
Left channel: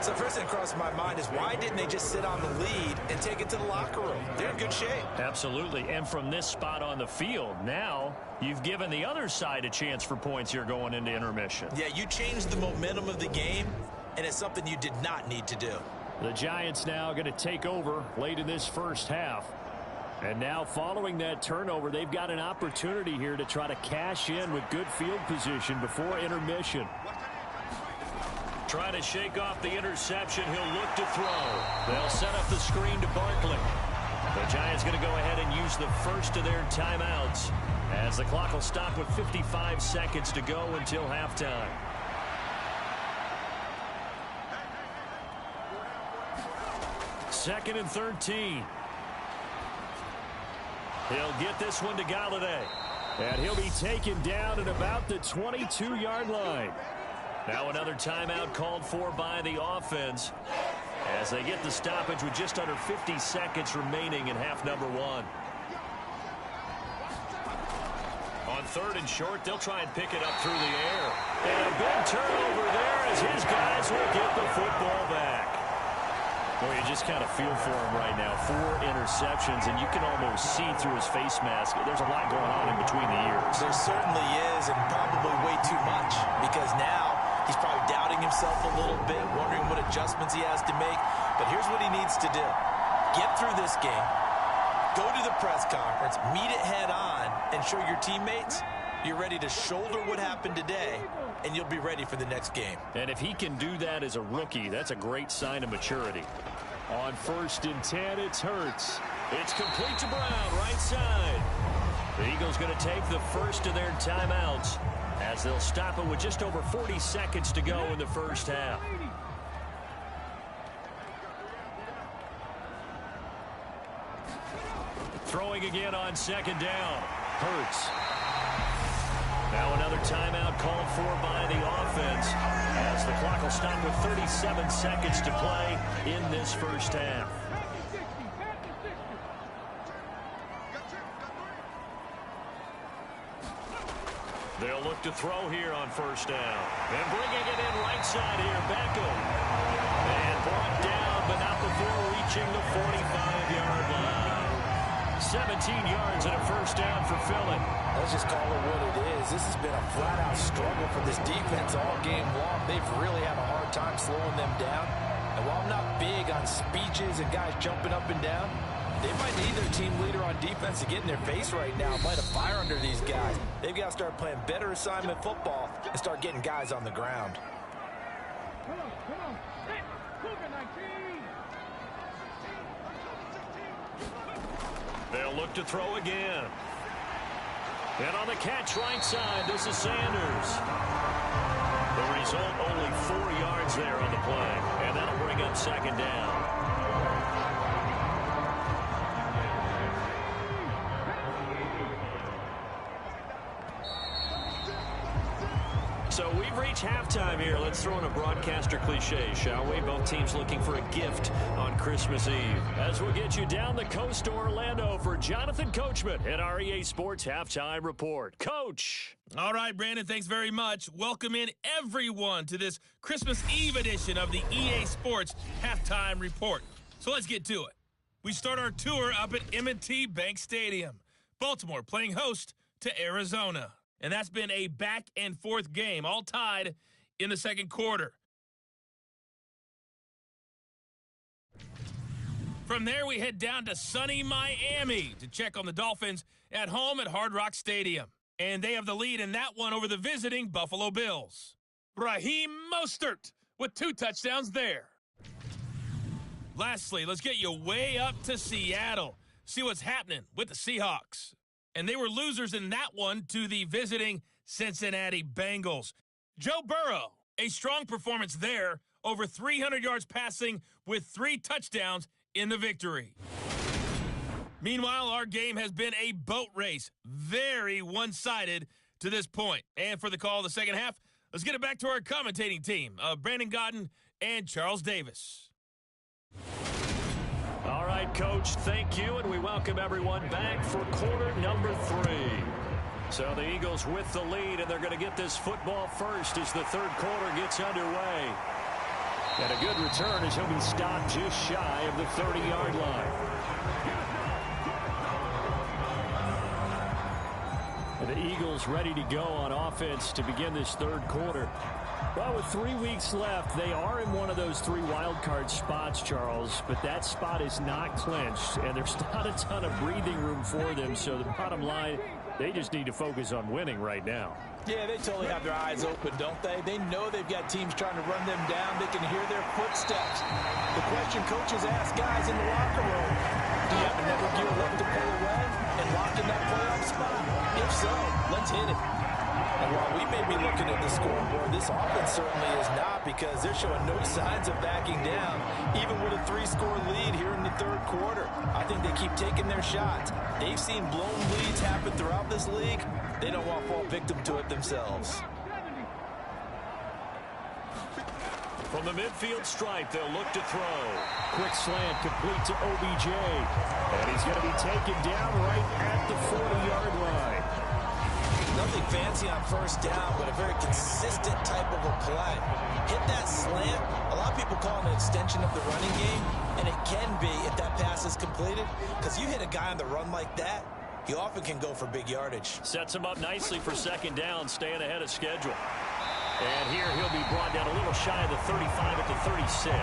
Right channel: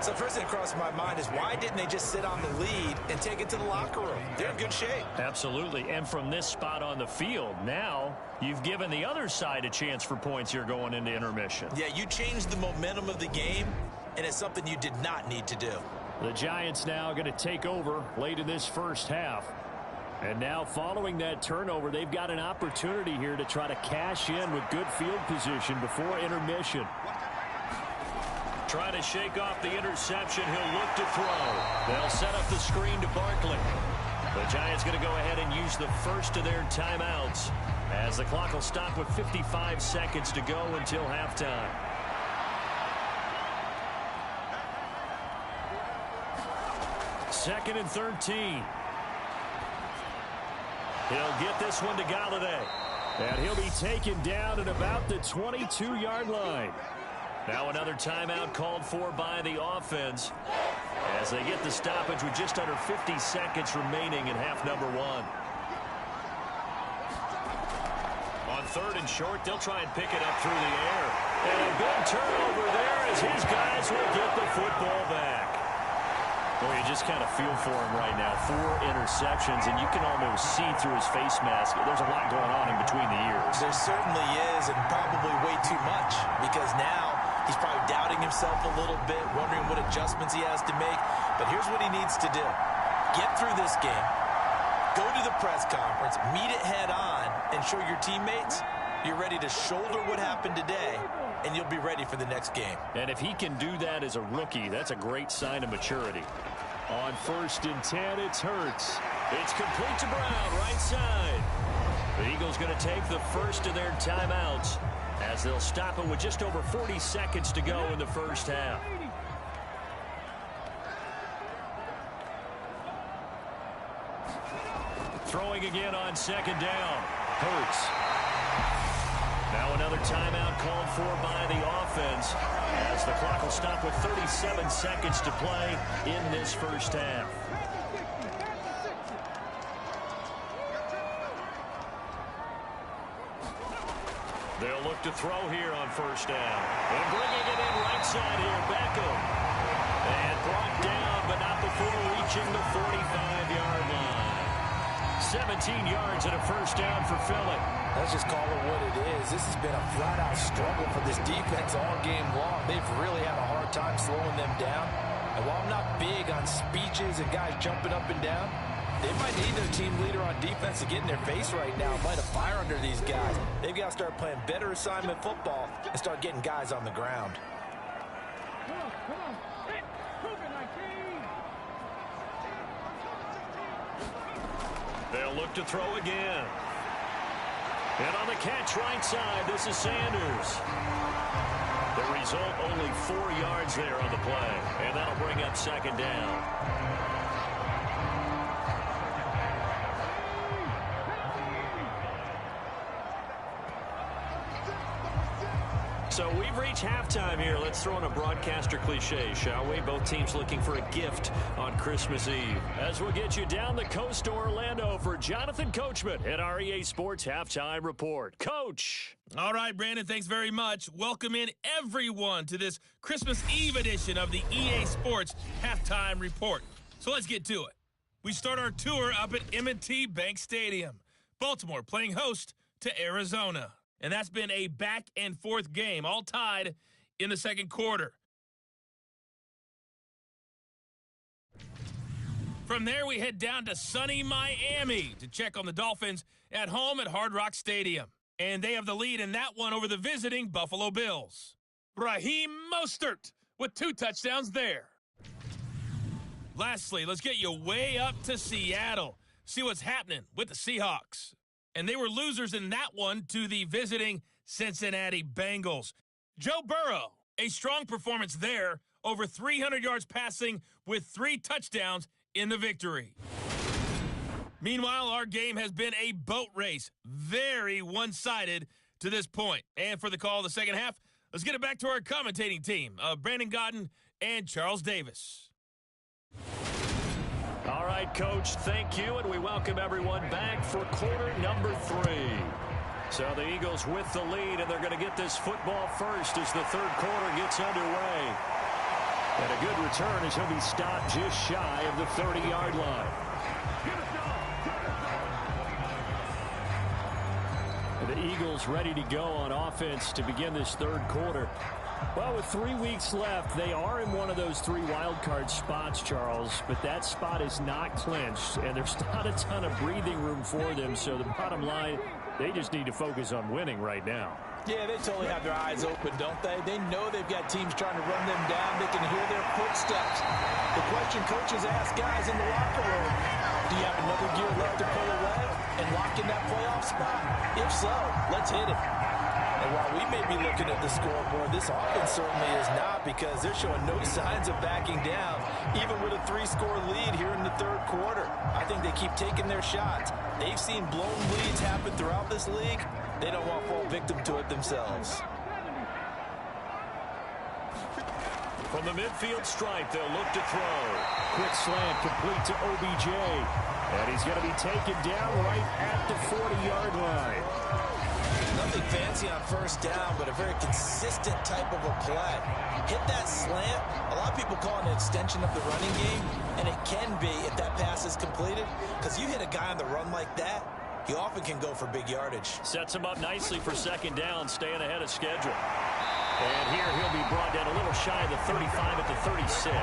So the first thing that crossed my mind is why didn't they just sit on the lead and take it to the locker room? They're in good shape. Absolutely. And from this spot on the field, now you've given the other side a chance for points here going into intermission. Yeah, you changed the momentum of the game, and it's something you did not need to do. The Giants now going to take over late in this first half. And now following that turnover, they've got an opportunity here to try to cash in with good field position before intermission. Trying to shake off the interception. He'll look to throw. They'll set up the screen to Barkley. The Giants going to go ahead and use the first of their timeouts as the clock will stop with 55 seconds to go until halftime. Second and 13. He'll get this one to Galladay. And he'll be taken down at about the 22-yard line. Now another timeout called for by the offense as they get the stoppage with just under 50 seconds remaining in half number one. On third and short, they'll try and pick it up through the air. And a big turnover there as his guys will get the football back. Boy, you just kind of feel for him right now. 4 interceptions, and you can almost see through his face mask. There's a lot going on in between the ears. There certainly is, and probably way too much, because now he's probably doubting himself a little bit, wondering what adjustments he has to make. But here's what he needs to do. Get through this game, go to the press conference, meet it head on, and show your teammates you're ready to shoulder what happened today, and you'll be ready for the next game. And if he can do that as a rookie, that's a great sign of maturity. On first and 10, it's Hurts. It's complete to Brown, right side. The Eagles going to take the first of their timeouts as they'll stop it with just over 40 seconds to go in the first half. Throwing again on second down. Hurts. Now another timeout called for by the offense as the clock will stop with 37 seconds to play in this first half. They'll look to throw here on first down. And bringing it in right side here, Beckham. And brought down, but not before reaching the 45-yard line. 17 yards and a first down for Philly. Let's just call it what it is. This has been a flat-out struggle for this defense all game long. They've really had a hard time slowing them down. And while I'm not big on speeches and guys jumping up and down, they might need their team leader on defense to get in their face right now, light a fire under these guys. They've got to start playing better assignment football and start getting guys on the ground. Come on. Hit. Cougar 19. They'll look to throw again. And on the catch right side, this is Sanders. The result, only 4 yards there on the play. And that'll bring up second down. So we've reached halftime here. Let's throw in a broadcaster cliche, shall we? Both teams looking for a gift on Christmas Eve. As we'll get you down the coast to Orlando for Jonathan Coachman at our EA Sports Halftime Report. Coach. All right, Brandon, thanks very much. Welcome in everyone to this Christmas Eve edition of the EA Sports Halftime Report. So let's get to it. We start our tour up at M&T Bank Stadium. Baltimore playing host to Arizona. And that's been a back-and-forth game, all tied in the second quarter. From there, we head down to sunny Miami to check on the Dolphins at home at Hard Rock Stadium. And they have the lead in that one over the visiting Buffalo Bills. Raheem Mostert with 2 touchdowns there. Lastly, let's get you way up to Seattle. See what's happening with the Seahawks. And they were losers in that one to the visiting Cincinnati Bengals. Joe Burrow, a strong performance there, over 300 yards passing with 3 touchdowns in the victory. Meanwhile, our game has been a boat race, very one-sided to this point. And for the call of the second half, let's get it back to our commentating team of Brandon Godden and Charles Davis. All right, Coach, thank you, and we welcome everyone back for quarter number 3. So the Eagles with the lead, and they're going to get this football first as the third quarter gets underway. And a good return as he'll be stopped just shy of the 30-yard line. And the Eagles ready to go on offense to begin this third quarter. Well, with 3 weeks left, they are in one of those 3 wild card spots, Charles, but that spot is not clinched, and there's not a ton of breathing room for them, so the bottom line, they just need to focus on winning right now. Yeah, they totally have their eyes open, don't they? They know they've got teams trying to run them down. They can hear their footsteps. The question coaches ask guys in the locker room, do you have another gear left to pull away and lock in that playoff spot? If so, let's hit it. And while we may be looking at the scoreboard, this offense certainly is not, because they're showing no signs of backing down, even with a 3-score lead here in the third quarter. I think they keep taking their shots. They've seen blown leads happen throughout this league. They don't want to fall victim to it themselves. From the midfield stripe, they'll look to throw. Quick slant complete to OBJ. And he's going to be taken down right at the 40-yard line. Nothing fancy on first down, but a very consistent type of a play. Hit that slant. A lot of people call it an extension of the running game, and it can be if that pass is completed, because you hit a guy on the run like that, he often can go for big yardage. Sets him up nicely for second down, staying ahead of schedule. And here he'll be brought down a little shy of the 35 at the 36.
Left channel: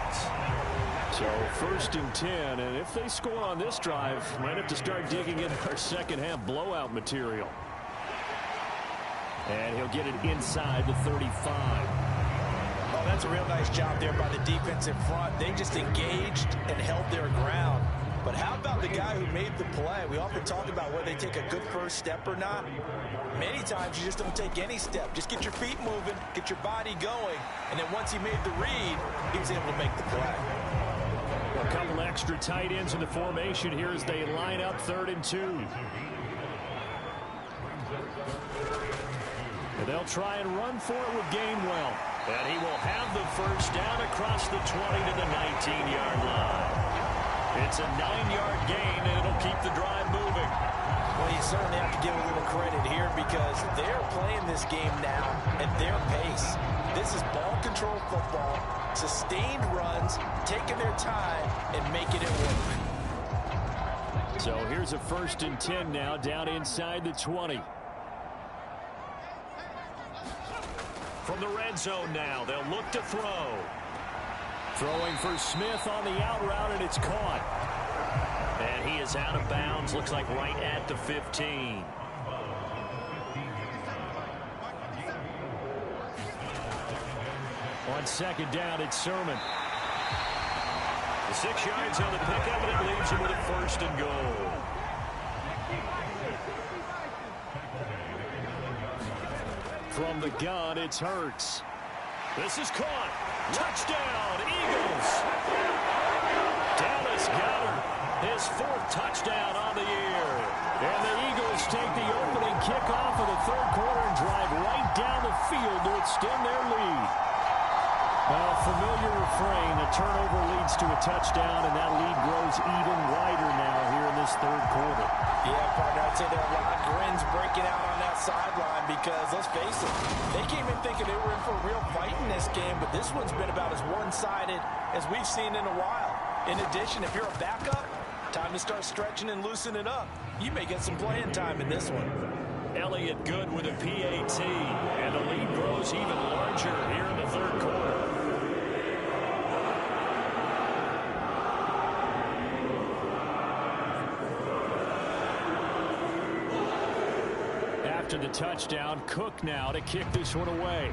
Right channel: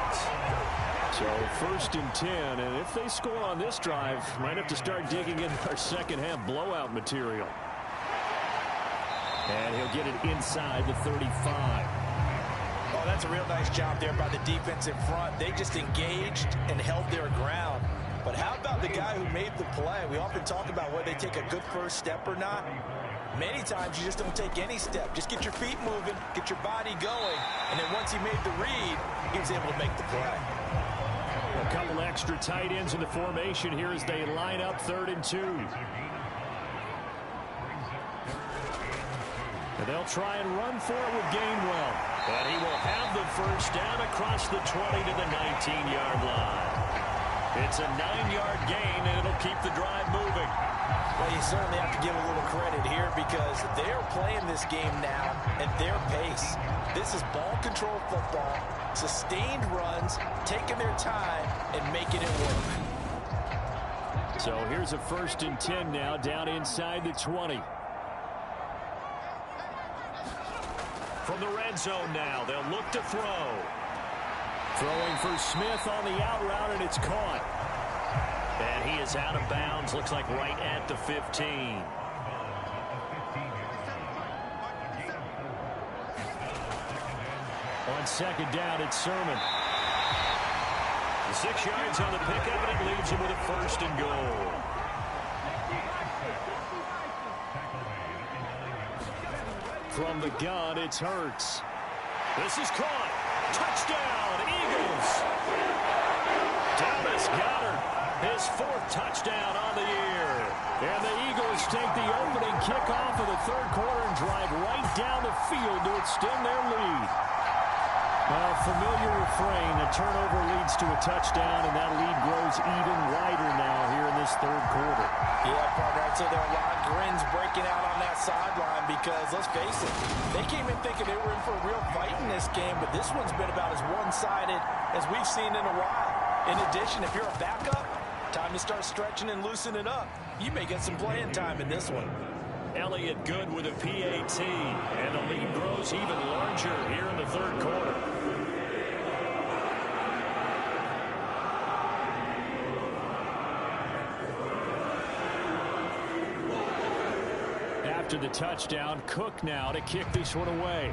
So 1st and 10, and if they score on this drive, might have to start digging in our second half blowout material. And he'll get it inside the 35. Oh, that's a real nice job there by the defense in front. They just engaged and held their ground. But how about the guy who made the play? We often talk about whether they take a good first step or not. Many times you just don't take any step. Just get your feet moving, get your body going, and then once he made the read, he was able to make the play. A couple extra tight ends in the formation here as they line up 3rd and 2. And they'll try and run for it with Gainwell. And he will have the first down across the 20 to the 19-yard line. It's a 9-yard gain, and it'll keep the drive moving. Well, you certainly have to give a little credit here, because they're playing this game now at their pace. This is ball control football, sustained runs, taking their time, and making it work. So here's a 1st and 10 now, down inside the 20. From the red zone now, they'll look to throw. Throwing for Smith on the out route, and it's caught. And he is out of bounds, looks like right at the 15. On second down, it's Sermon. The 6 yards on the pickup, and it leaves him with a 1st and goal. From the gun, it's Hurts. This is caught. Touchdown, Eagles. Dallas Goedert, his 4th touchdown on the year. And the Eagles take the opening kickoff of the third quarter and drive right down the field to extend their lead. Well, familiar refrain, a turnover leads to a touchdown, and that lead grows even wider now here in this third quarter. Yeah, partner, I'd say there are a lot of grins breaking out on that sideline because, let's face it, they came in thinking they were in for a real fight in this game, but this one's been about as one-sided as we've seen in a while. In addition, if you're a backup, time to start stretching and loosening up. You may get some playing time in this one. Elliott good with a PAT, and the lead grows even larger here in the third quarter. After the touchdown, Cook now to kick this one away.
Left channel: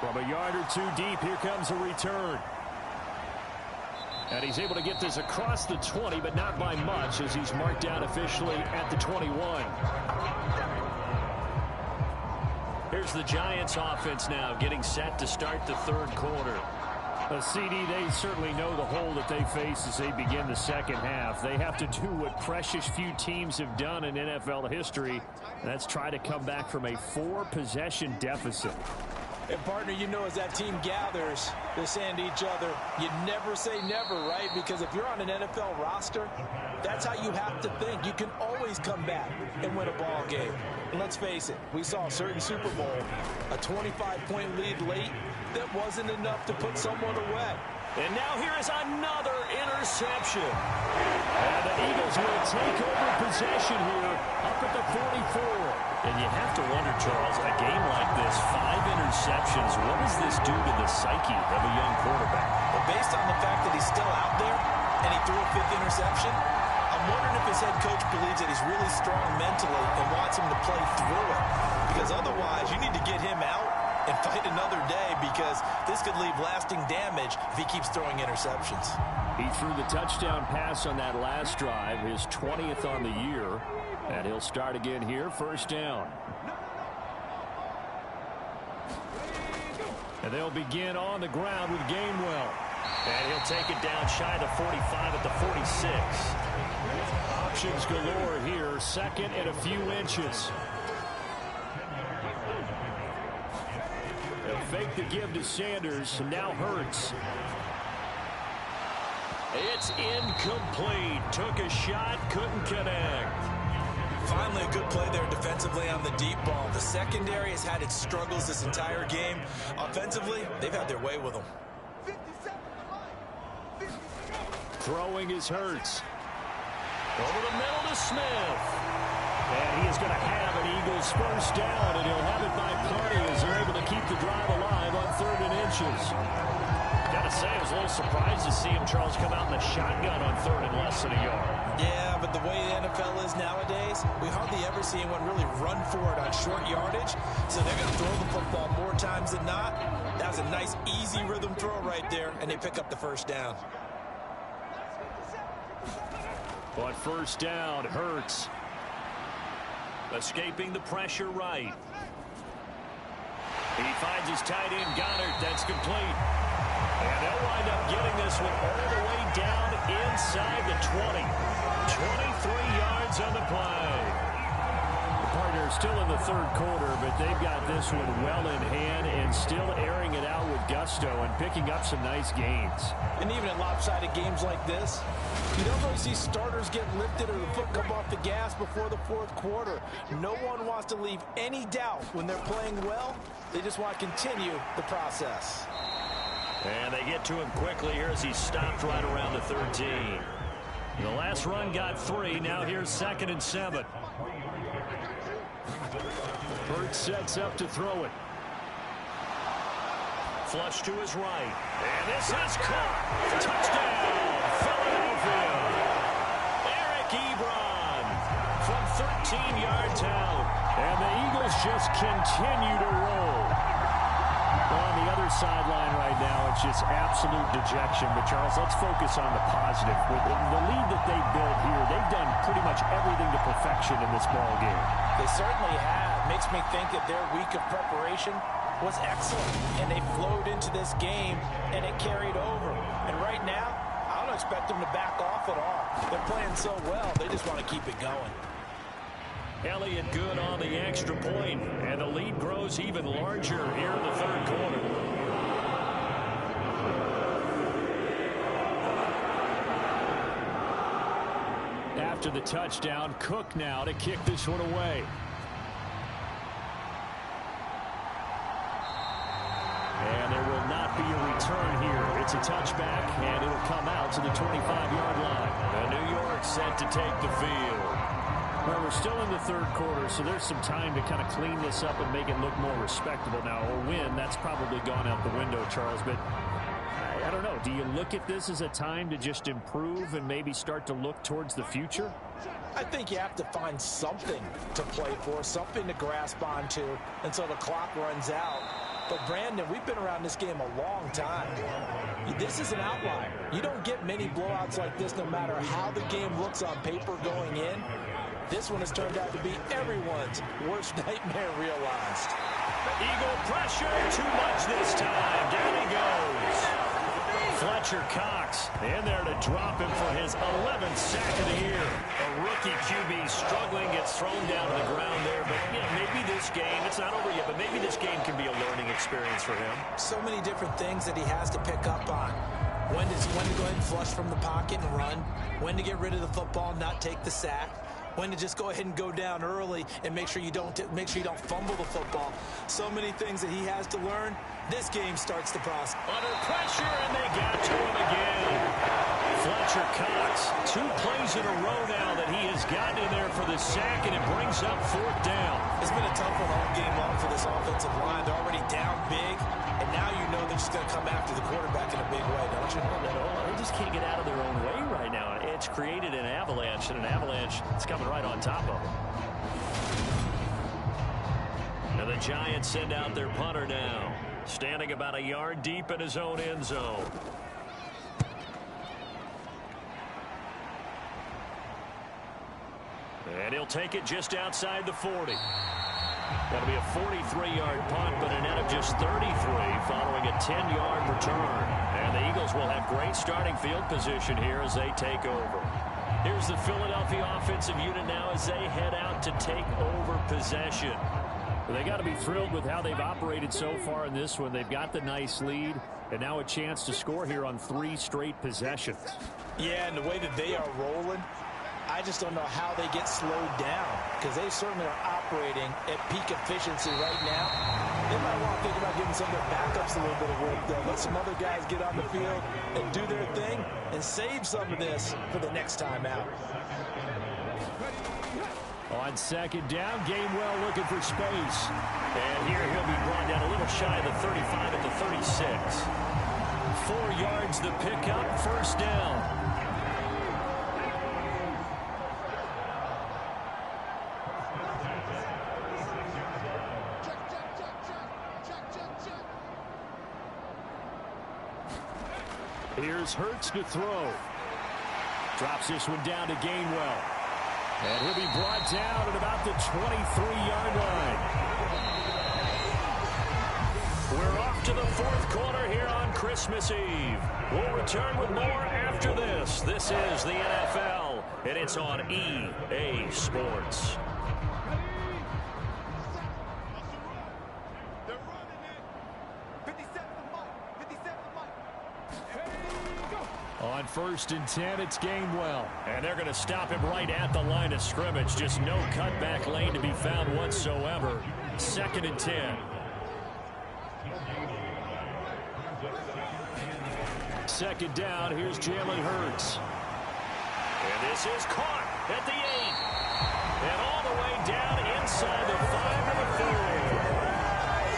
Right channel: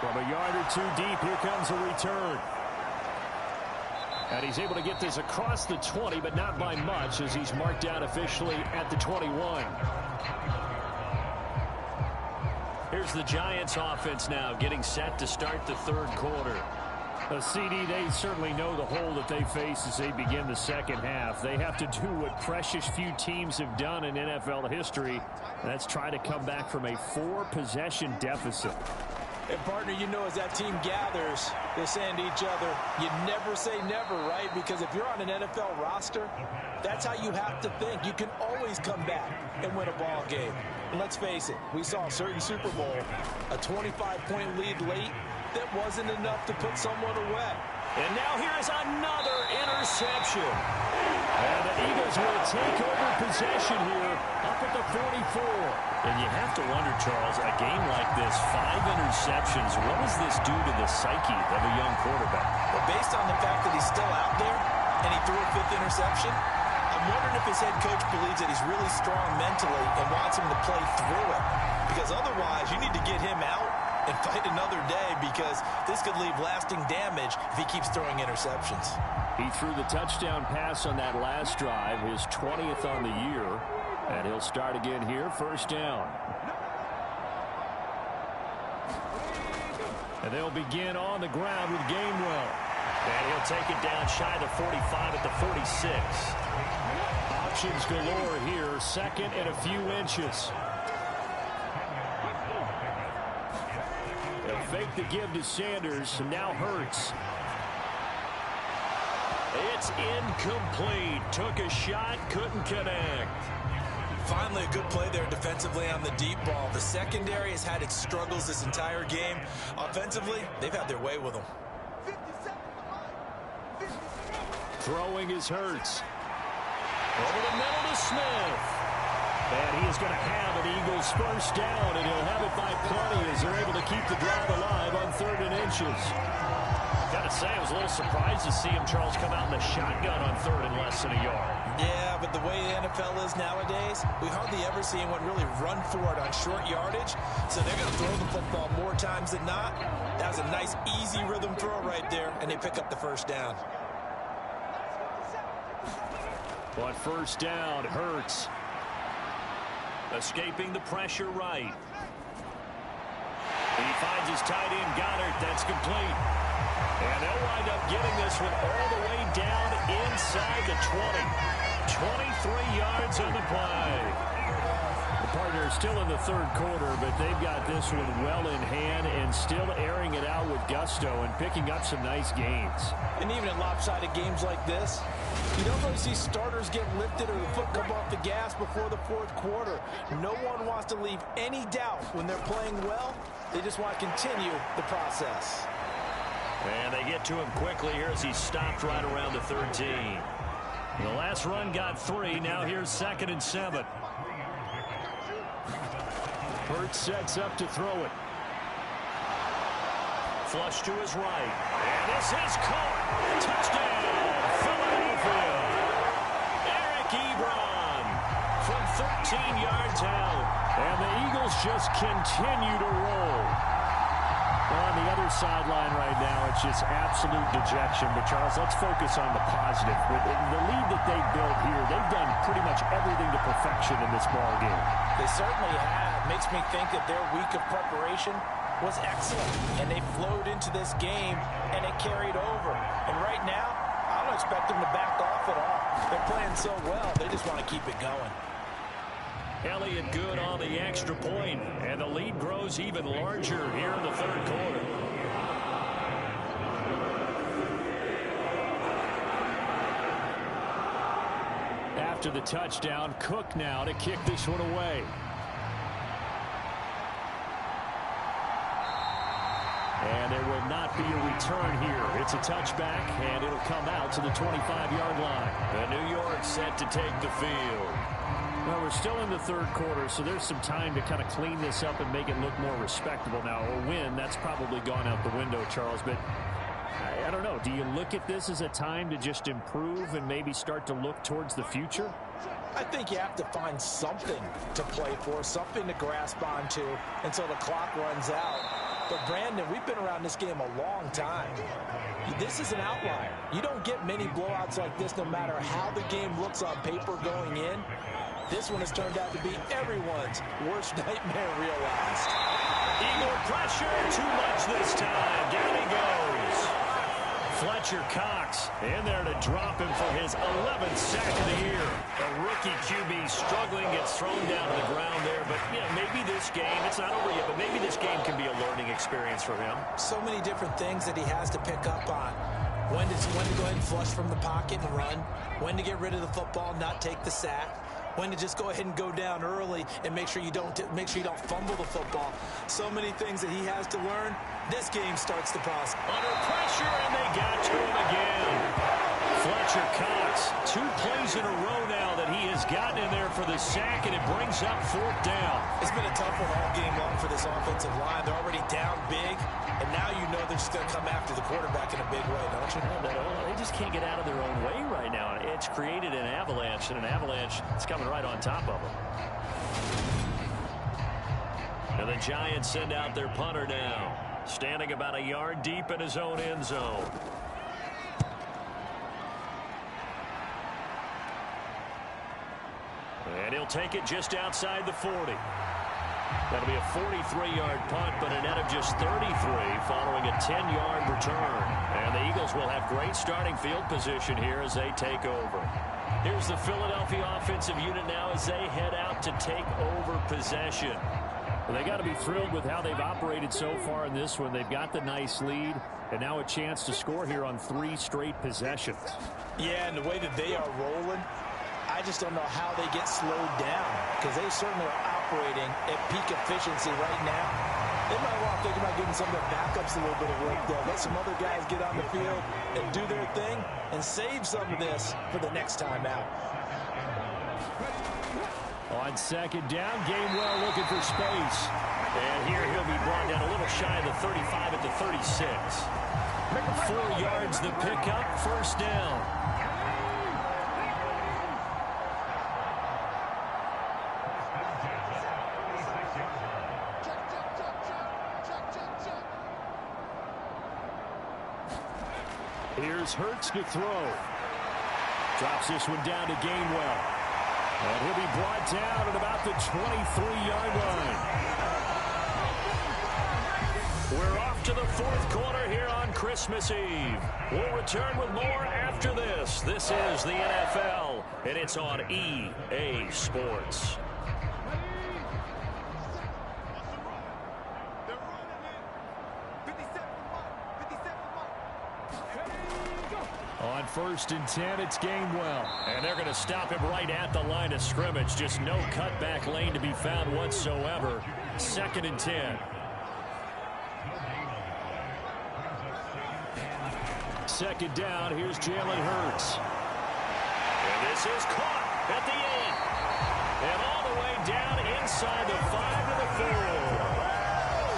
From a yard or two deep, here comes a return. And he's able to get this across the 20, but not by much, as he's marked down officially at the 21. Here's the Giants offense now getting set to start the third quarter. CD, they certainly know the hole that they face as they begin the second half. They have to do what precious few teams have done in NFL history, and that's try to come back from a 4-possession deficit. And, partner, you know, as that team gathers, they're saying to each other, you never say never, right? Because if you're on an NFL roster, that's how you have to think. You can always come back and win a ball game. And let's face it, we saw a certain Super Bowl, a 25-point lead late that wasn't enough to put someone away. And now here is another interception. And the Eagles will take over possession here up at the 44. And you have to wonder, Charles, a game like this, 5 interceptions, what does this do to the psyche of a young quarterback? But based on the fact that he's still out there and he threw a 5th interception, I'm wondering if his head coach believes that he's really strong mentally and wants him to play through it. Because otherwise, you need to get him out and fight another day, because this could leave lasting damage if he keeps throwing interceptions. He threw the touchdown pass on that last drive, his 20th on the year, and he'll start again here, first down. And they'll begin on the ground with Gainwell. And he'll take it down shy of the 45 at the 46. Options galore here, second and a few inches. They'll fake the give to Sanders, and now Hurts. It's incomplete. Took a shot, couldn't connect. Finally, a good play there defensively on the deep ball. The secondary has had its struggles this entire game. Offensively, they've had their way with them. Throwing is Hurts. Over the middle to Smith. And he is going to have an Eagles first down, and he'll have it by plenty as they're able to keep the drive alive on 3rd and inches. Got to say, I was a little surprised to see him, Charles, come out in the shotgun on 3rd and less than a yard. Yeah, but the way the NFL is nowadays, we hardly ever see anyone really run for it on short yardage. So they're going to throw the football more times than not. That was a nice, easy rhythm throw right there, and they pick up the first down. But first down, Hurts. Escaping the pressure right. He finds his tight end, Goddard. That's complete. And they'll wind up getting this one all the way down inside the 20. 23 yards on the play. The partner still in the third quarter, but they've got this one well in hand and still airing it out with gusto and picking up some nice gains. And even in lopsided games like this, you don't really see starters get lifted or the foot come off the gas before the fourth quarter. No one wants to leave any doubt when they're playing well. They just want to continue the process. And they get to him quickly here as he stopped right around the 13. The last run got 3. Now here's 2nd and 7. Hurts sets up to throw it. Flush to his right. And this is caught. Touchdown, Philadelphia. Eric Ebron from 13 yards out. And the Eagles just continue to roll. Well, on the other sideline right now, it's just absolute dejection. But, Charles, let's focus on the positive. With the lead that they built here, they've done pretty much everything to perfection in this ball game. They certainly have. Makes me think that their week of preparation was excellent. And they flowed into this game, and it carried over. And right now, I don't don't expect them to back off at all. They're playing so well, they just want to keep it going. Elliott good on the extra point, and the lead grows even larger here in the third quarter. After the touchdown, Cook now to kick this one away. And there will not be a return here. It's a touchback, and it'll come out to the 25-yard line. And New York set to take the field. Well, we're still in the third quarter, so there's some time to kind of clean this up and make it look more respectable. Now, a win, that's probably gone out the window, Charles, but I don't know. Do you look at this as a time to just improve and maybe start to look towards the future? I think you have to find something to play for, something to grasp onto until the clock runs out. But, Brandon, we've been around this game a long time. This is an outlier. You don't get many blowouts like this no matter how the game looks on paper going in. This one has turned out to be everyone's worst nightmare realized. Eagle pressure, too much this time. Down he goes. Fletcher Cox in there to drop him for his 11th sack of the year. A rookie QB struggling, gets thrown down to the ground there. But, you know, maybe this game, it's not over yet, but maybe this game can be a learning experience for him. So many different things that he has to pick up on. When to go ahead and flush from the pocket and run. When to get rid of the football, not take the sack. When to just go ahead and go down early and make sure you don't fumble the football. So many things that he has to learn. This game starts the process. Under pressure, and they got to him again. Fletcher Cox, 2 plays in a row now that he has gotten in there for the sack, and it brings up 4th down. It's been a tough one all game long for this offensive line. They're already down big, and now you know they're just going to come after the quarterback in a big way, don't you? They just can't get out of their own way right now. It's created an avalanche, and an avalanche is coming right on top of them. And the Giants send out their punter now, standing about a yard deep in his own end zone. And he'll take it just outside the 40. That'll be a 43-yard punt, but a net of just 33 following a 10-yard return. And the Eagles will have great starting field position here as they take over. Here's the Philadelphia offensive unit now as they head out to take over possession. Well, they got to be thrilled with how they've operated so far in this one. They've got the nice lead, and now a chance to score here on 3 straight possessions. Yeah, and the way that they are rolling, I just don't know how they get slowed down, because they certainly are operating at peak efficiency right now. They might want to think about giving some of their backups a little bit of work, though. Let some other guys get on the field and do their thing and save some of this for the next time out. On 2nd down, Gainwell looking for space. And here he'll be brought down a little shy of the 35 at the 36. 4 yards the pickup, 1st down. Here's Hurts to throw. Drops this one down to Gainwell. And he'll be brought down at about the 23-yard line. We're off to the 4th quarter here on Christmas Eve. We'll return with more after this. This is the NFL, and it's on EA Sports. On 1st and 10, it's Gainwell. And they're going to stop him right at the line of scrimmage. Just no cutback lane to be found whatsoever. 2nd and 10. 2nd down, here's Jalen Hurts. And this is caught at the 8. And all the way down inside the 5 to the 4.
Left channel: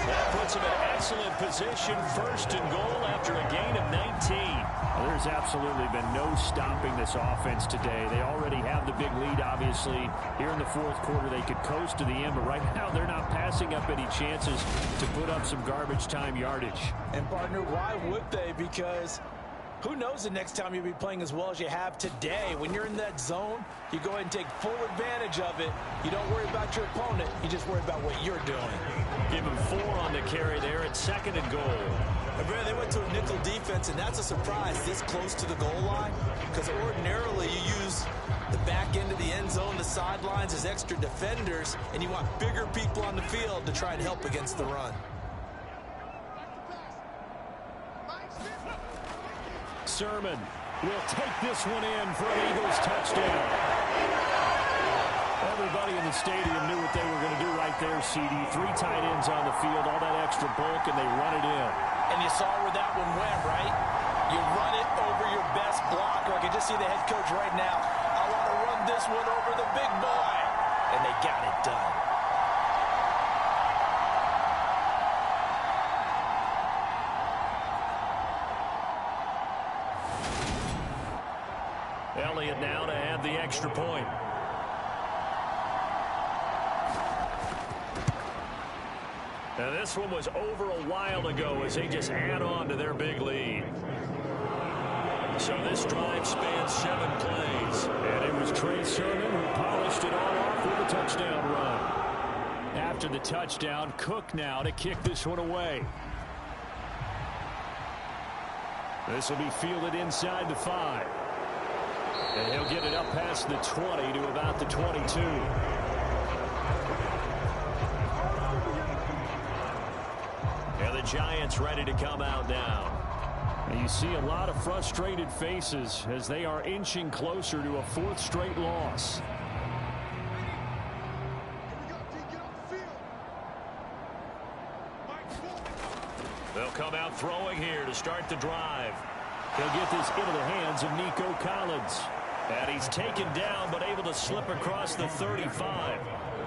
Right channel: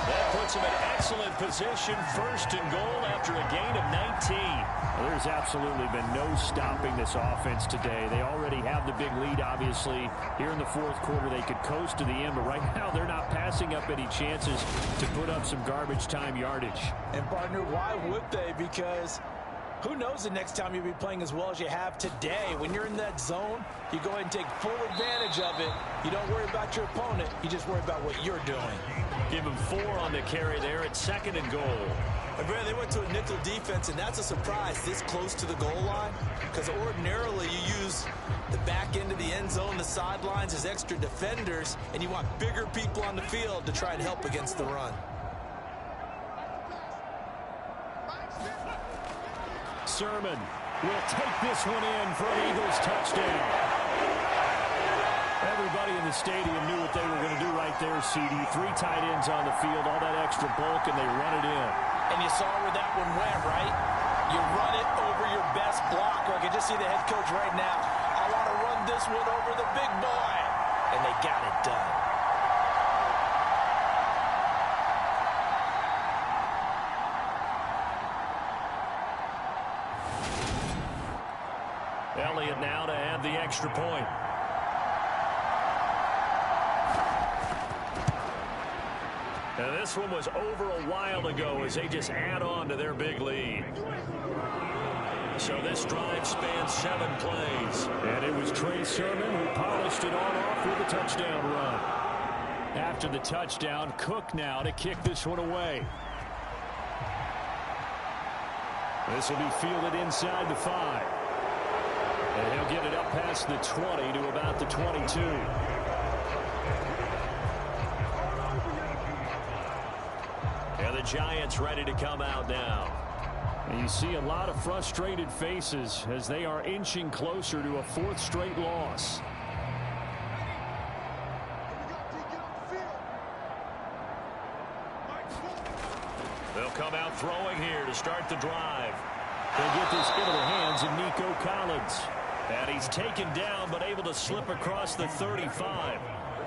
That puts him in excellent position, 1st and goal after a gain of 19. Well, there's absolutely been no stopping this offense today. They already have the big lead, obviously. Here in the 4th quarter, they could coast to the end, but right now they're not passing up any chances to put up some garbage time yardage. And, partner, why would they? Because who knows the next time you'll be playing as well as you have today. When you're in that zone, you go ahead and take full advantage of it. You don't worry about your opponent. You just worry about what you're doing. Give him 4 on the carry there at 2nd and goal. And Brad, they went to a nickel defense, and that's a surprise this close to the goal line, because ordinarily you use the back end of the end zone, the sidelines as extra defenders, and you want bigger people on the field to try and help against the run. Sermon will take this one in for an Eagles touchdown. Everybody in the stadium knew what they were going to do right there, CD. 3 tight ends on the field, all that extra bulk, and they run it in. And you saw where that one went, right? You run it over your best blocker. I can just see the head coach right now. I want to run this one over the big boy. And they got it done. Elliott now to add the extra point. And this one was over a while ago as they just add on to their big lead. So this drive spans 7 plays. And it was Trey Sermon who polished it on off with a touchdown run. After the touchdown, Cook now to kick this one away. This will be fielded inside the 5. And he'll get it up past the 20 to about the 22. And the Giants ready to come out now. And you see a lot of frustrated faces as they are inching closer to a 4th straight loss. They'll come out throwing here to start the drive. They'll get this into the hands of Nico Collins. And he's taken down but able to slip across the 35.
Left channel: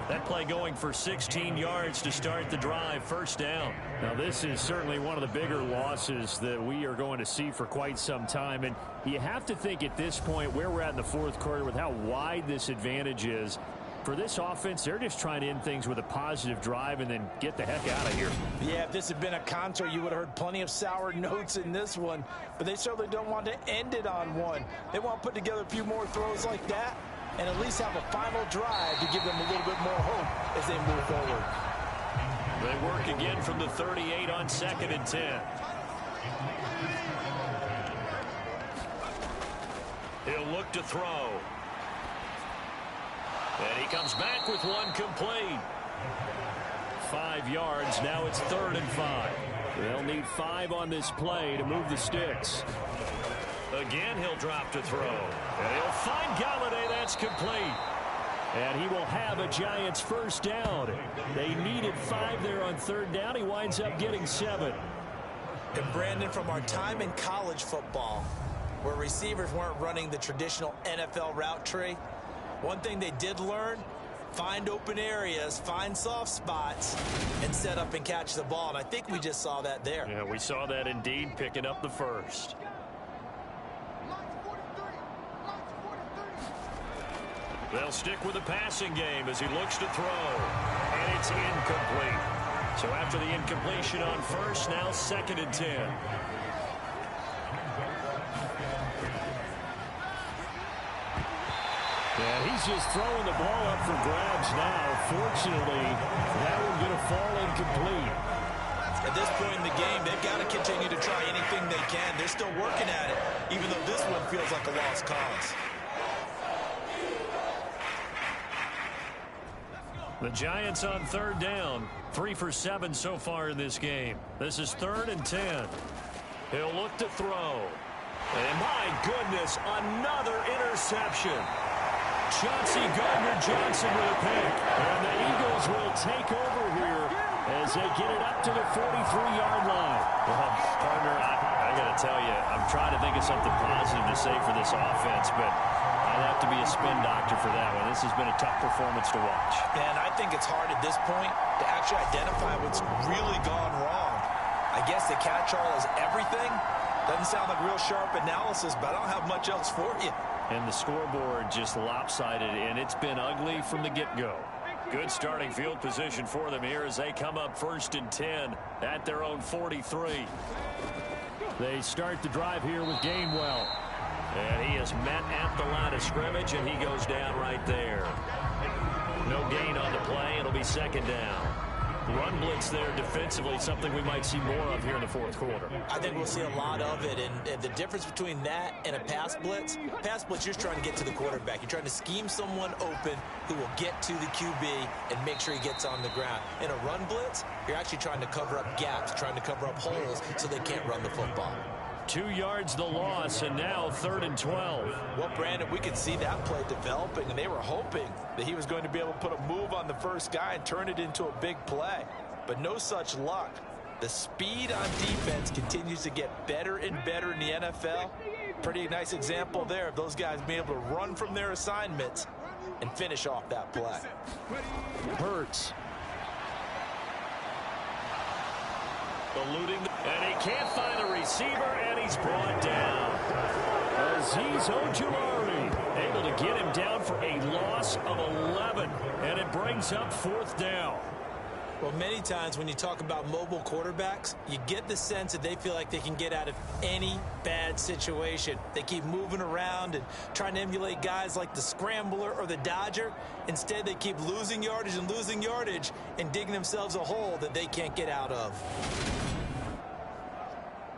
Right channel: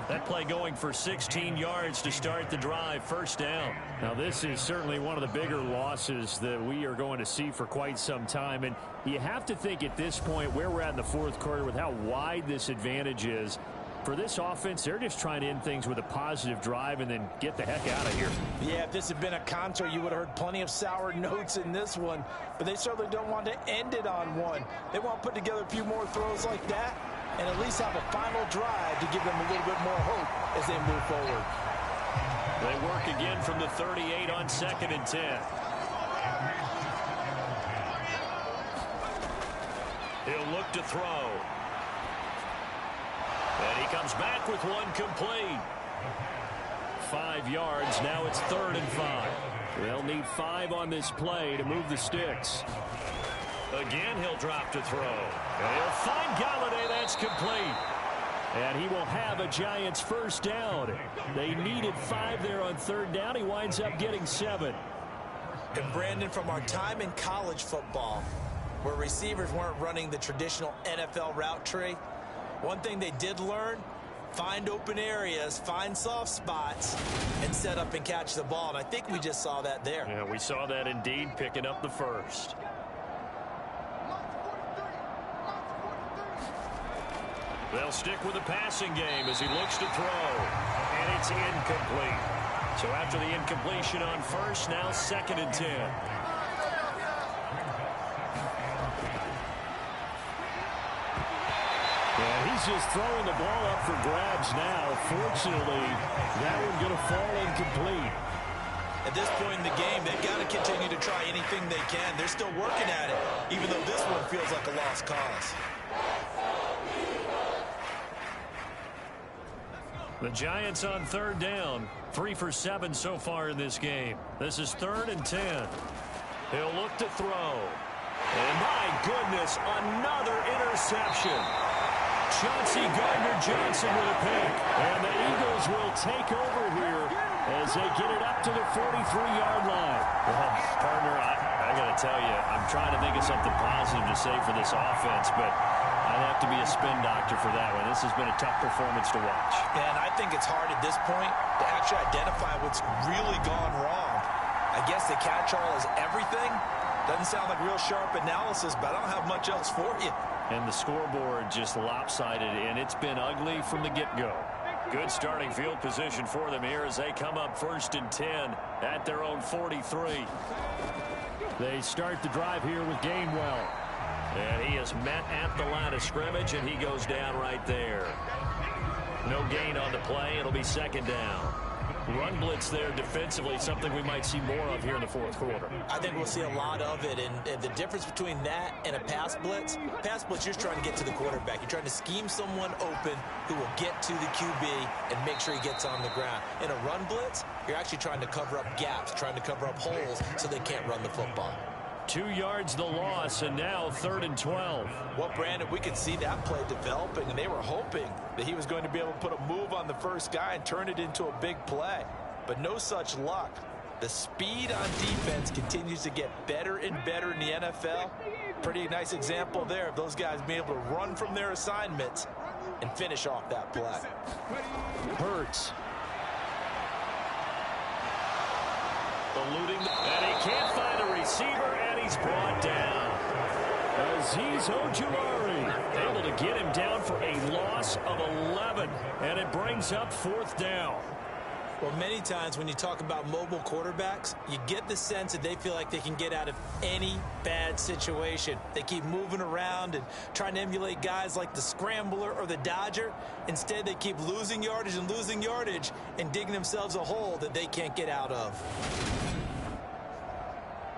That play going for 16 yards to start the drive. First down. Now this is certainly one of the bigger losses that we are going to see for quite some time. And you have to think at this point where we're at in the 4th quarter with how wide this advantage is. For this offense, they're just trying to end things with a positive drive and then get the heck out of here. Yeah, if this had been a concert, you would have heard plenty of sour notes in this one. But they certainly don't want to end it on one. They want to put together a few more throws like that and at least have a final drive to give them a little bit more hope as they move forward. They work again from the 38 on 2nd and 10. He'll look to throw. And he comes back with one complete. 5 yards. Now it's 3rd and 5. They'll need 5 on this play to move the sticks. Again, he'll drop to throw. And he'll find Galladay. That's complete. And he will have a Giants first down. They needed 5 there on 3rd down. He winds up getting 7. And Brandon, from our time in college football, where receivers weren't running the traditional NFL route tree, one thing they did learn, find open areas, find soft spots, and set up and catch the ball. And I think we just saw that there. Yeah, we saw that indeed, picking up the first. They'll stick with the passing game as he looks to throw. And it's incomplete. So after the incompletion on first, now 2nd and 10. Yeah, he's just throwing the ball up for grabs now. Fortunately, that one going to fall incomplete. At this point in the game, they've got to continue to try anything they can. They're still working at it, even though this one feels like a lost cause. The Giants on 3rd down. 3 for 7 so far in this game. This is 3rd and 10. He'll look to throw. And my goodness, another interception. Chauncey Gardner-Johnson with a pick. And the Eagles will take over here as they get it up to the 43-yard line. Well, partner, I got to tell you, I'm trying to think of something positive to say for this offense, but I'd have to be a spin doctor for that one. This has been a tough performance to watch. And I think it's hard at this point to actually identify what's really gone wrong. I guess the catch-all is everything. Doesn't sound like real sharp analysis, but I don't have much else for you. And the scoreboard just lopsided, and it's been ugly from the get-go. Good starting field position for them here as they come up 1st and 10 at their own 43. They start the drive here with Gainwell. And he is met at the line of scrimmage, and he goes down right there. No gain on the play. It'll be 2nd down. Run blitz there defensively, something we might see more of here in the fourth quarter. I think we'll see a lot of it, and the difference between that and a pass blitz, you're just trying to get to the quarterback. You're trying to scheme someone open who will get to the QB and make sure he gets on the ground. In a run blitz, you're actually trying to cover up gaps, trying to cover up holes so they can't run the football. 2 yards the loss, and now 3rd and 12. Well, Brandon, we could see that play developing, and they were hoping that he was going to be able to put a move on the first guy and turn it into a big play. But no such luck. The speed on defense continues to get better and better in the NFL. Pretty nice example there of those guys being able to run from their assignments and finish off that play. Hurts. Eluding, and he can't find a receiver, and he's brought down. Azeez Ojulari able to get him down for a loss of 11, and it brings up 4th down. Well, many times when you talk about mobile quarterbacks, you get the sense that they feel like they can get out of any bad situation. They keep moving around and trying to emulate guys like the Scrambler or the Dodger. Instead, they keep losing yardage and digging themselves a hole that they can't get out of.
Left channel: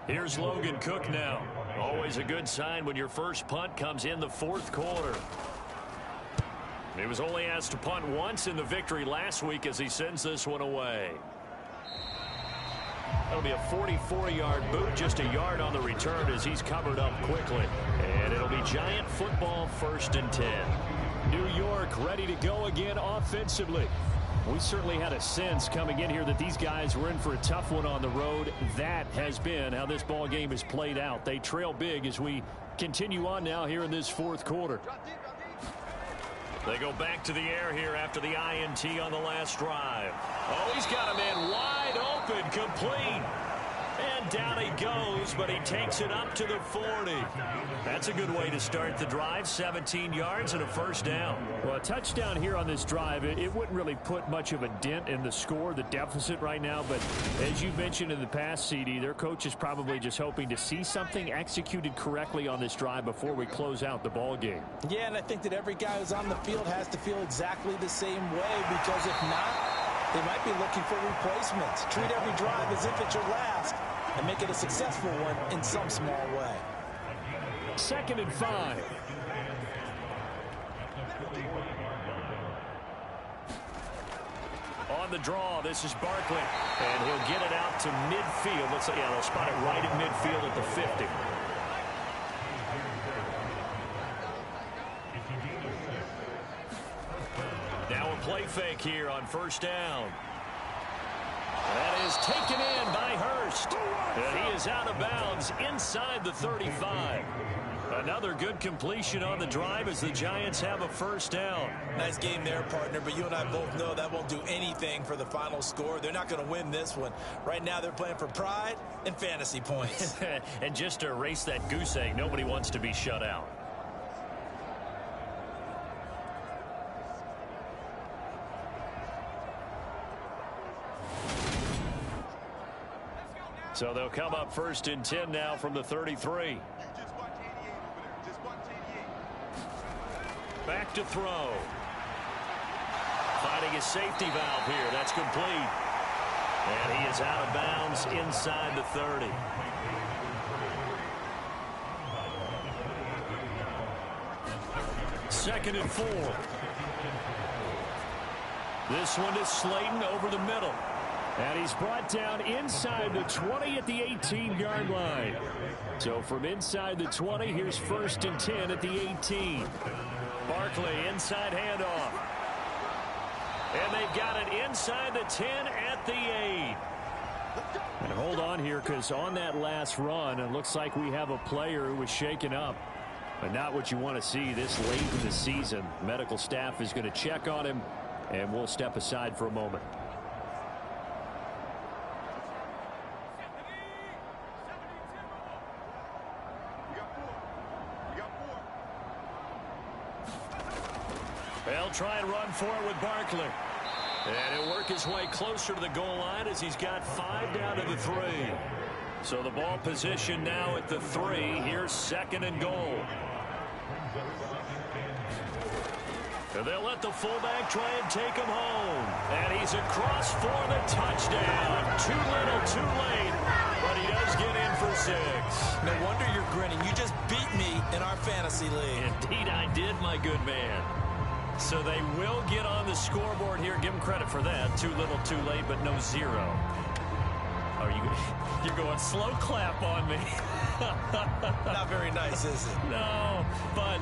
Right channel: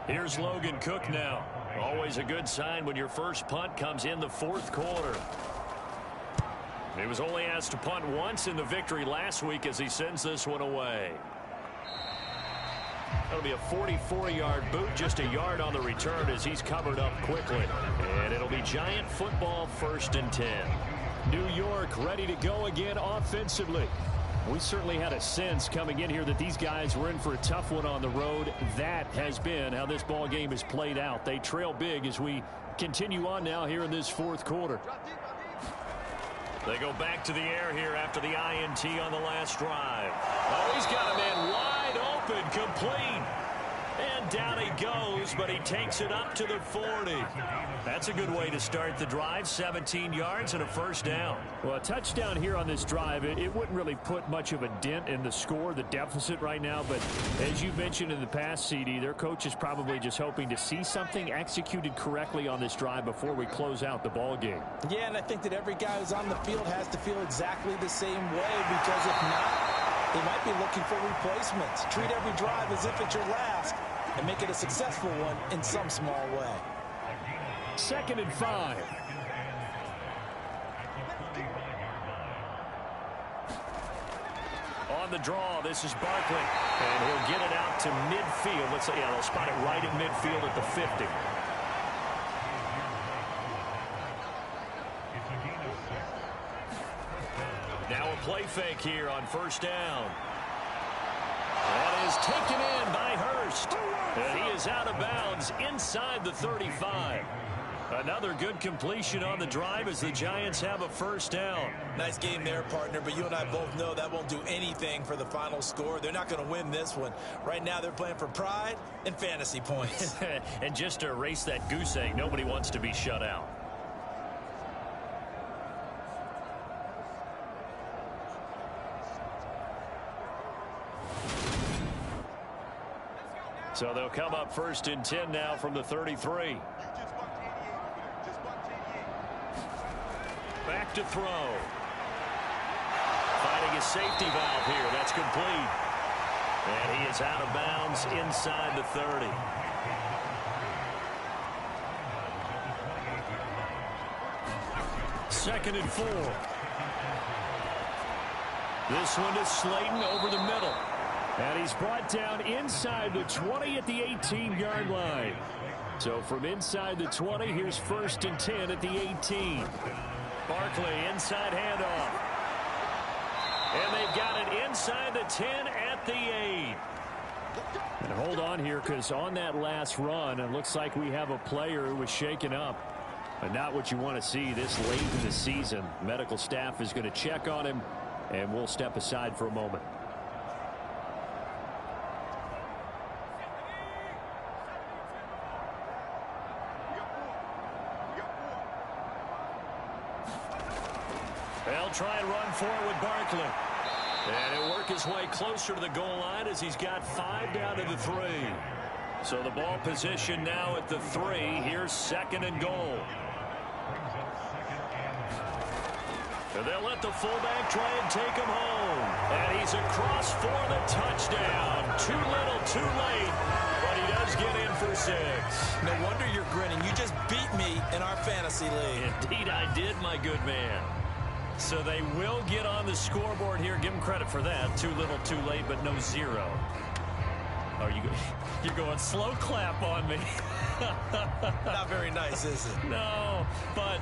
Here's Logan Cook now. Always a good sign when your first punt comes in the 4th quarter. He was only asked to punt once in the victory last week as he sends this one away. That'll be a 44-yard boot, just a yard on the return as he's covered up quickly. And it'll be Giant football, 1st and 10. New York ready to go again offensively. We certainly had a sense coming in here that these guys were in for a tough one on the road. That has been how this ball game has played out. They trail big as we continue on now here in this 4th quarter. They go back to the air here after the INT on the last drive. Oh, he's got a man wide open, complete. And down he goes, but he takes it up to the 40. That's a good way to start the drive. 17 yards and a 1st down. Well, a touchdown here on this drive, it wouldn't really put much of a dent in the score, the deficit right now. But as you mentioned in the past, CD, their coach is probably just hoping to see something executed correctly on this drive before we close out the ball game. Yeah, and I think that every guy who's on the field has to feel exactly the same way, because if not, they might be looking for replacements. Treat every drive as if it's your last and make it a successful one in some small way. 2nd and 5. On the draw, this is Barkley. And he'll get it out to midfield. They'll spot it right at midfield at the 50. Now a play fake here on 1st down. That is taken in by Hurst. And he is out of bounds inside the 35. Another good completion on the drive as the Giants have a 1st down. Nice game there, partner, but you and I both know that won't do anything for the final score. They're not going to win this one. Right now they're playing for pride and fantasy points. And just to erase that goose egg, nobody wants to be shut out. So they'll come up 1st and 10 now from the 33. Back to throw. Finding his safety valve here. That's complete. And he is out of bounds inside the 30. Second and 4. This one is Slayton over the middle. And he's brought down inside the 20 at the 18-yard line. So from inside the 20, here's 1st and 10 at the 18. Barkley, inside handoff. And they've got it inside the 10 at the 8. And hold on here, because on that last run, it looks like we have a player who was shaken up. But not what you want to see this late in the season. Medical staff is going to check on him, and we'll step aside for a moment. They'll try and run for it with Barkley. And he'll work his way closer to the goal line as he's got 5 down to the 3. So the ball position now at the 3. Here's 2nd and goal. And they'll let the fullback try and take him home. And he's across for the touchdown. Too little, too late. But he does get in for 6. No wonder you're grinning. You just beat me in our fantasy league. Indeed I did, my good man. So they will get on the scoreboard here. Give them credit for that. Too little, too late, but no 0. Oh, you're going slow clap on me. Not very nice, is it? No, but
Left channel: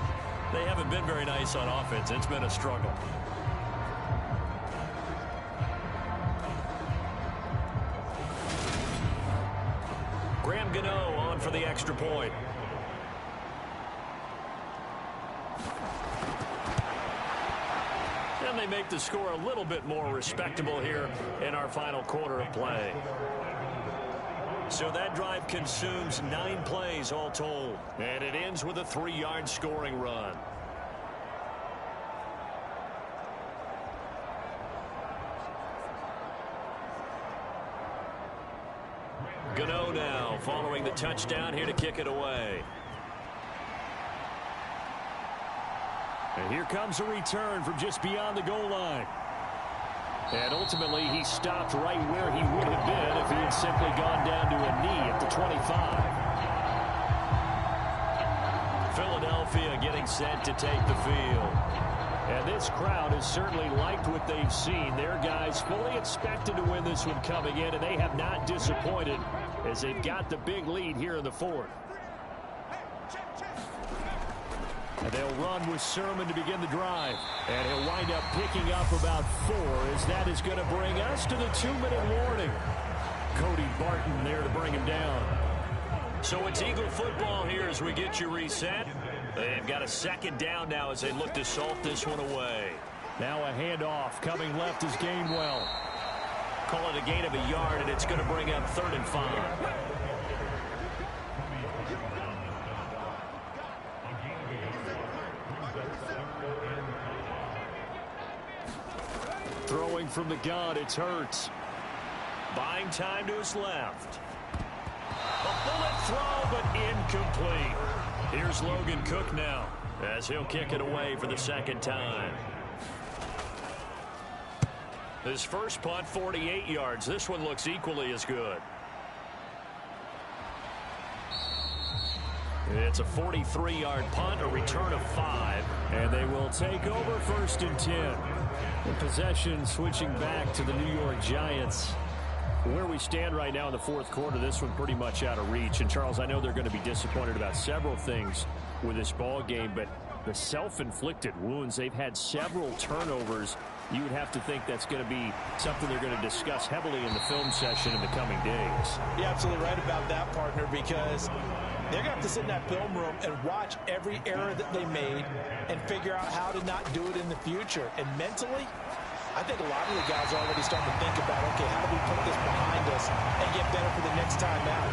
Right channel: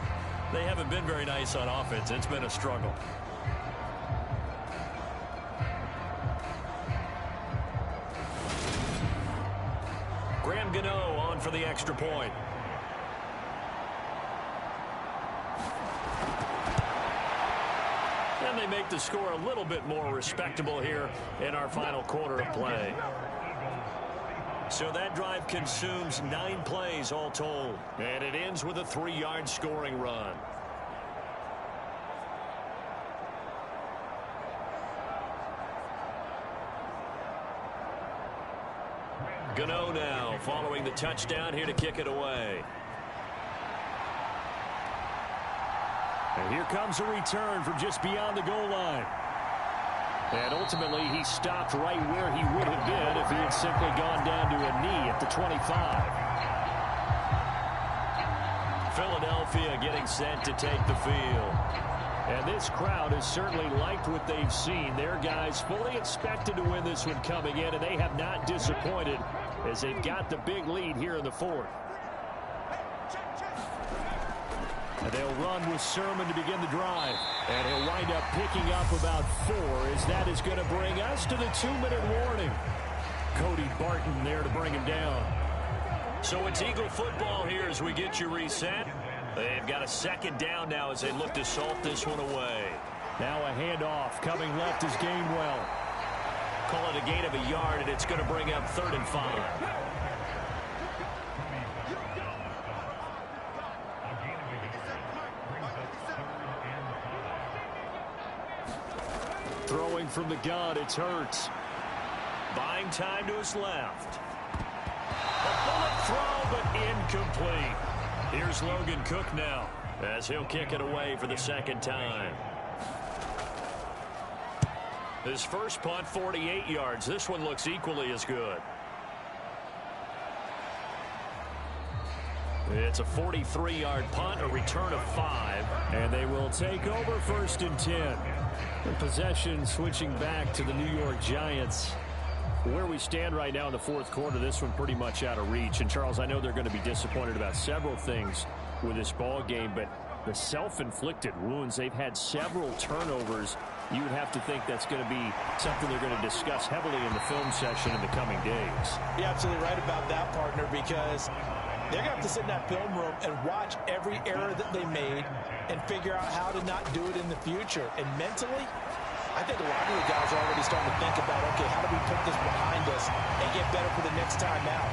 they haven't been very nice on offense. It's been a struggle. Graham Gano on for the extra point. And they make the score a little bit more respectable here in our final quarter of play. So that drive consumes 9 plays all told. And it ends with a 3-yard scoring run. Gano now following the touchdown here to kick it away. And here comes a return from just beyond the goal line. And ultimately, he stopped right where he would have been if he had simply gone down to a knee at the 25. Philadelphia getting set to take the field. And this crowd has certainly liked what they've seen. Their guys fully expected to win this one coming in, and they have not disappointed as they've got the big lead here in the 4th. And they'll run with Sermon to begin the drive. And he'll wind up picking up about 4 as that is going to bring us to the 2-minute warning. Cody Barton there to bring him down. So it's Eagle football here as we get you reset. They've got a 2nd down now as they look to salt this one away. Now a handoff coming left is Gainwell. Call it a gain of a yard, and it's going to bring up 3rd and 5. Throwing from the gun, it's Hurts. Buying time to his left. A bullet throw, but incomplete. Here's Logan Cook now as he'll kick it away for the 2nd time. His first punt, 48 yards. This one looks equally as good. It's a 43-yard punt, a return of 5. And they will take over 1st and 10. And possession switching back to the New York Giants. Where we stand right now in the 4th quarter, this one pretty much out of reach. And, Charles, I know they're going to be disappointed about several things with this ball game, but the self-inflicted wounds, they've had several turnovers. You would have to think that's going to be something they're going to discuss heavily in the film session in the coming days. You're absolutely right about that, partner, because they're going to have to sit in that film room and watch every error that they made and figure out how to not do it in the future. And mentally, I think a lot of the guys are already starting to think about, okay, how do we put this behind us and get better for the next time out?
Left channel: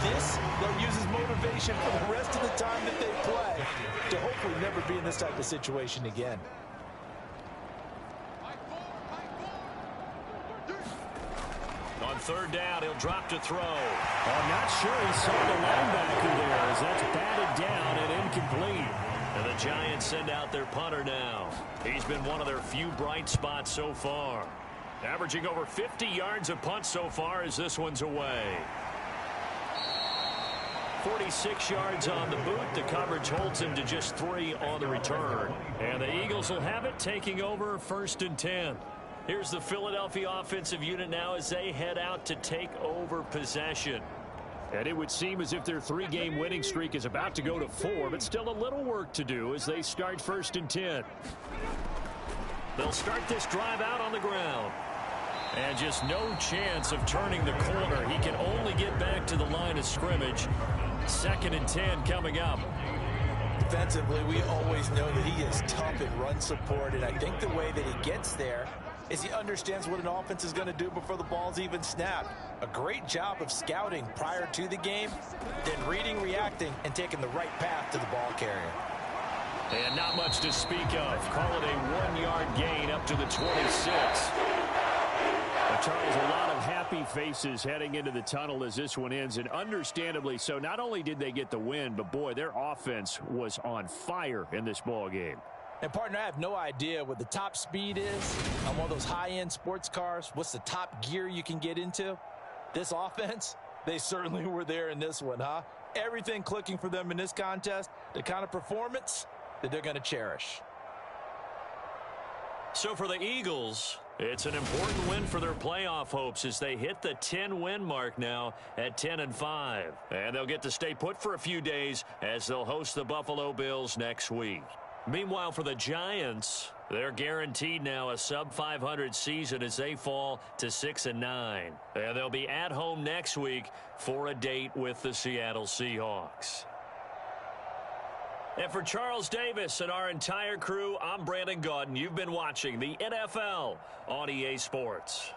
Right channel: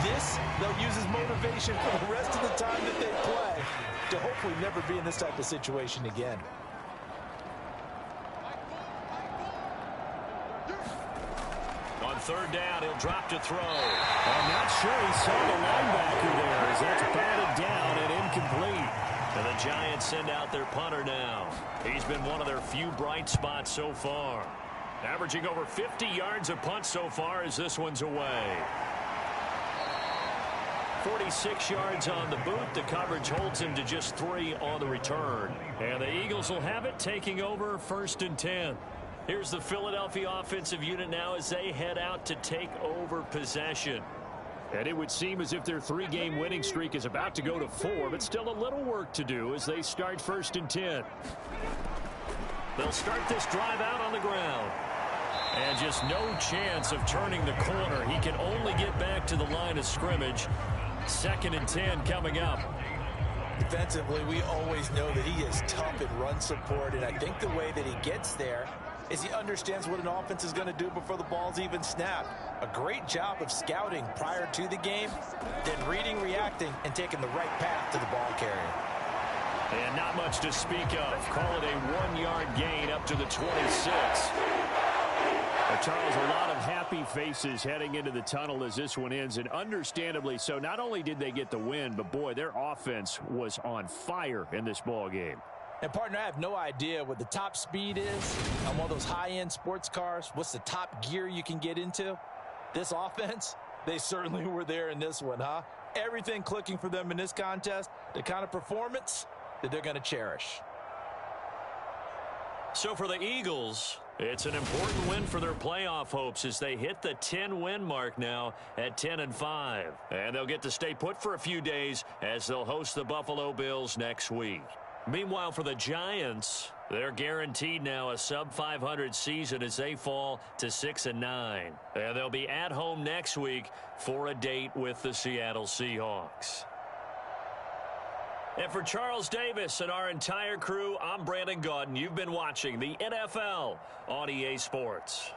This, they'll use as motivation for the rest of the time that they play to hopefully never be in this type of situation again. On 3rd down, he'll drop to throw. I'm not sure he saw the linebacker there as that's batted down and incomplete. And the Giants send out their punter now. He's been one of their few bright spots so far. Averaging over 50 yards a punt so far as this one's away. 46 yards on the boot. The coverage holds him to just 3 on the return. And the Eagles will have it, taking over 1st and 10. Here's the Philadelphia offensive unit now as they head out to take over possession. And it would seem as if their 3-game winning streak is about to go to 4, but still a little work to do as they start 1st and 10. They'll start this drive out on the ground. And just no chance of turning the corner. He can only get back to the line of scrimmage. 2nd and 10 coming up. Defensively, we always know that he is tough in run support, and I think the way that he gets there is he understands what an offense is going to do before the ball's even snapped. A great job of scouting prior to the game, then reading, reacting, and taking the right path to the ball carrier. And not much to speak of. Call it a 1-yard gain up to the 26. But Charles, a lot of happy faces heading into the tunnel as this one ends, and understandably so. Not only did they get the win, but boy, their offense was on fire in this ball game. And, partner, I have no idea what the top speed is on one of those high-end sports cars. What's the top gear you can get into? This offense, they certainly were there in this one, huh? Everything clicking for them in this contest, the kind of performance that they're going to cherish. So for the Eagles, it's an important win for their playoff hopes as they hit the 10-win mark now at 10-5. And they'll get to stay put for a few days as they'll host the Buffalo Bills next week. Meanwhile, for the Giants, they're guaranteed now a sub-500 season as they fall to 6-9. And they'll be at home next week for a date with the Seattle Seahawks. And for Charles Davis and our entire crew, I'm Brandon Gaudin. You've been watching the NFL on EA Sports.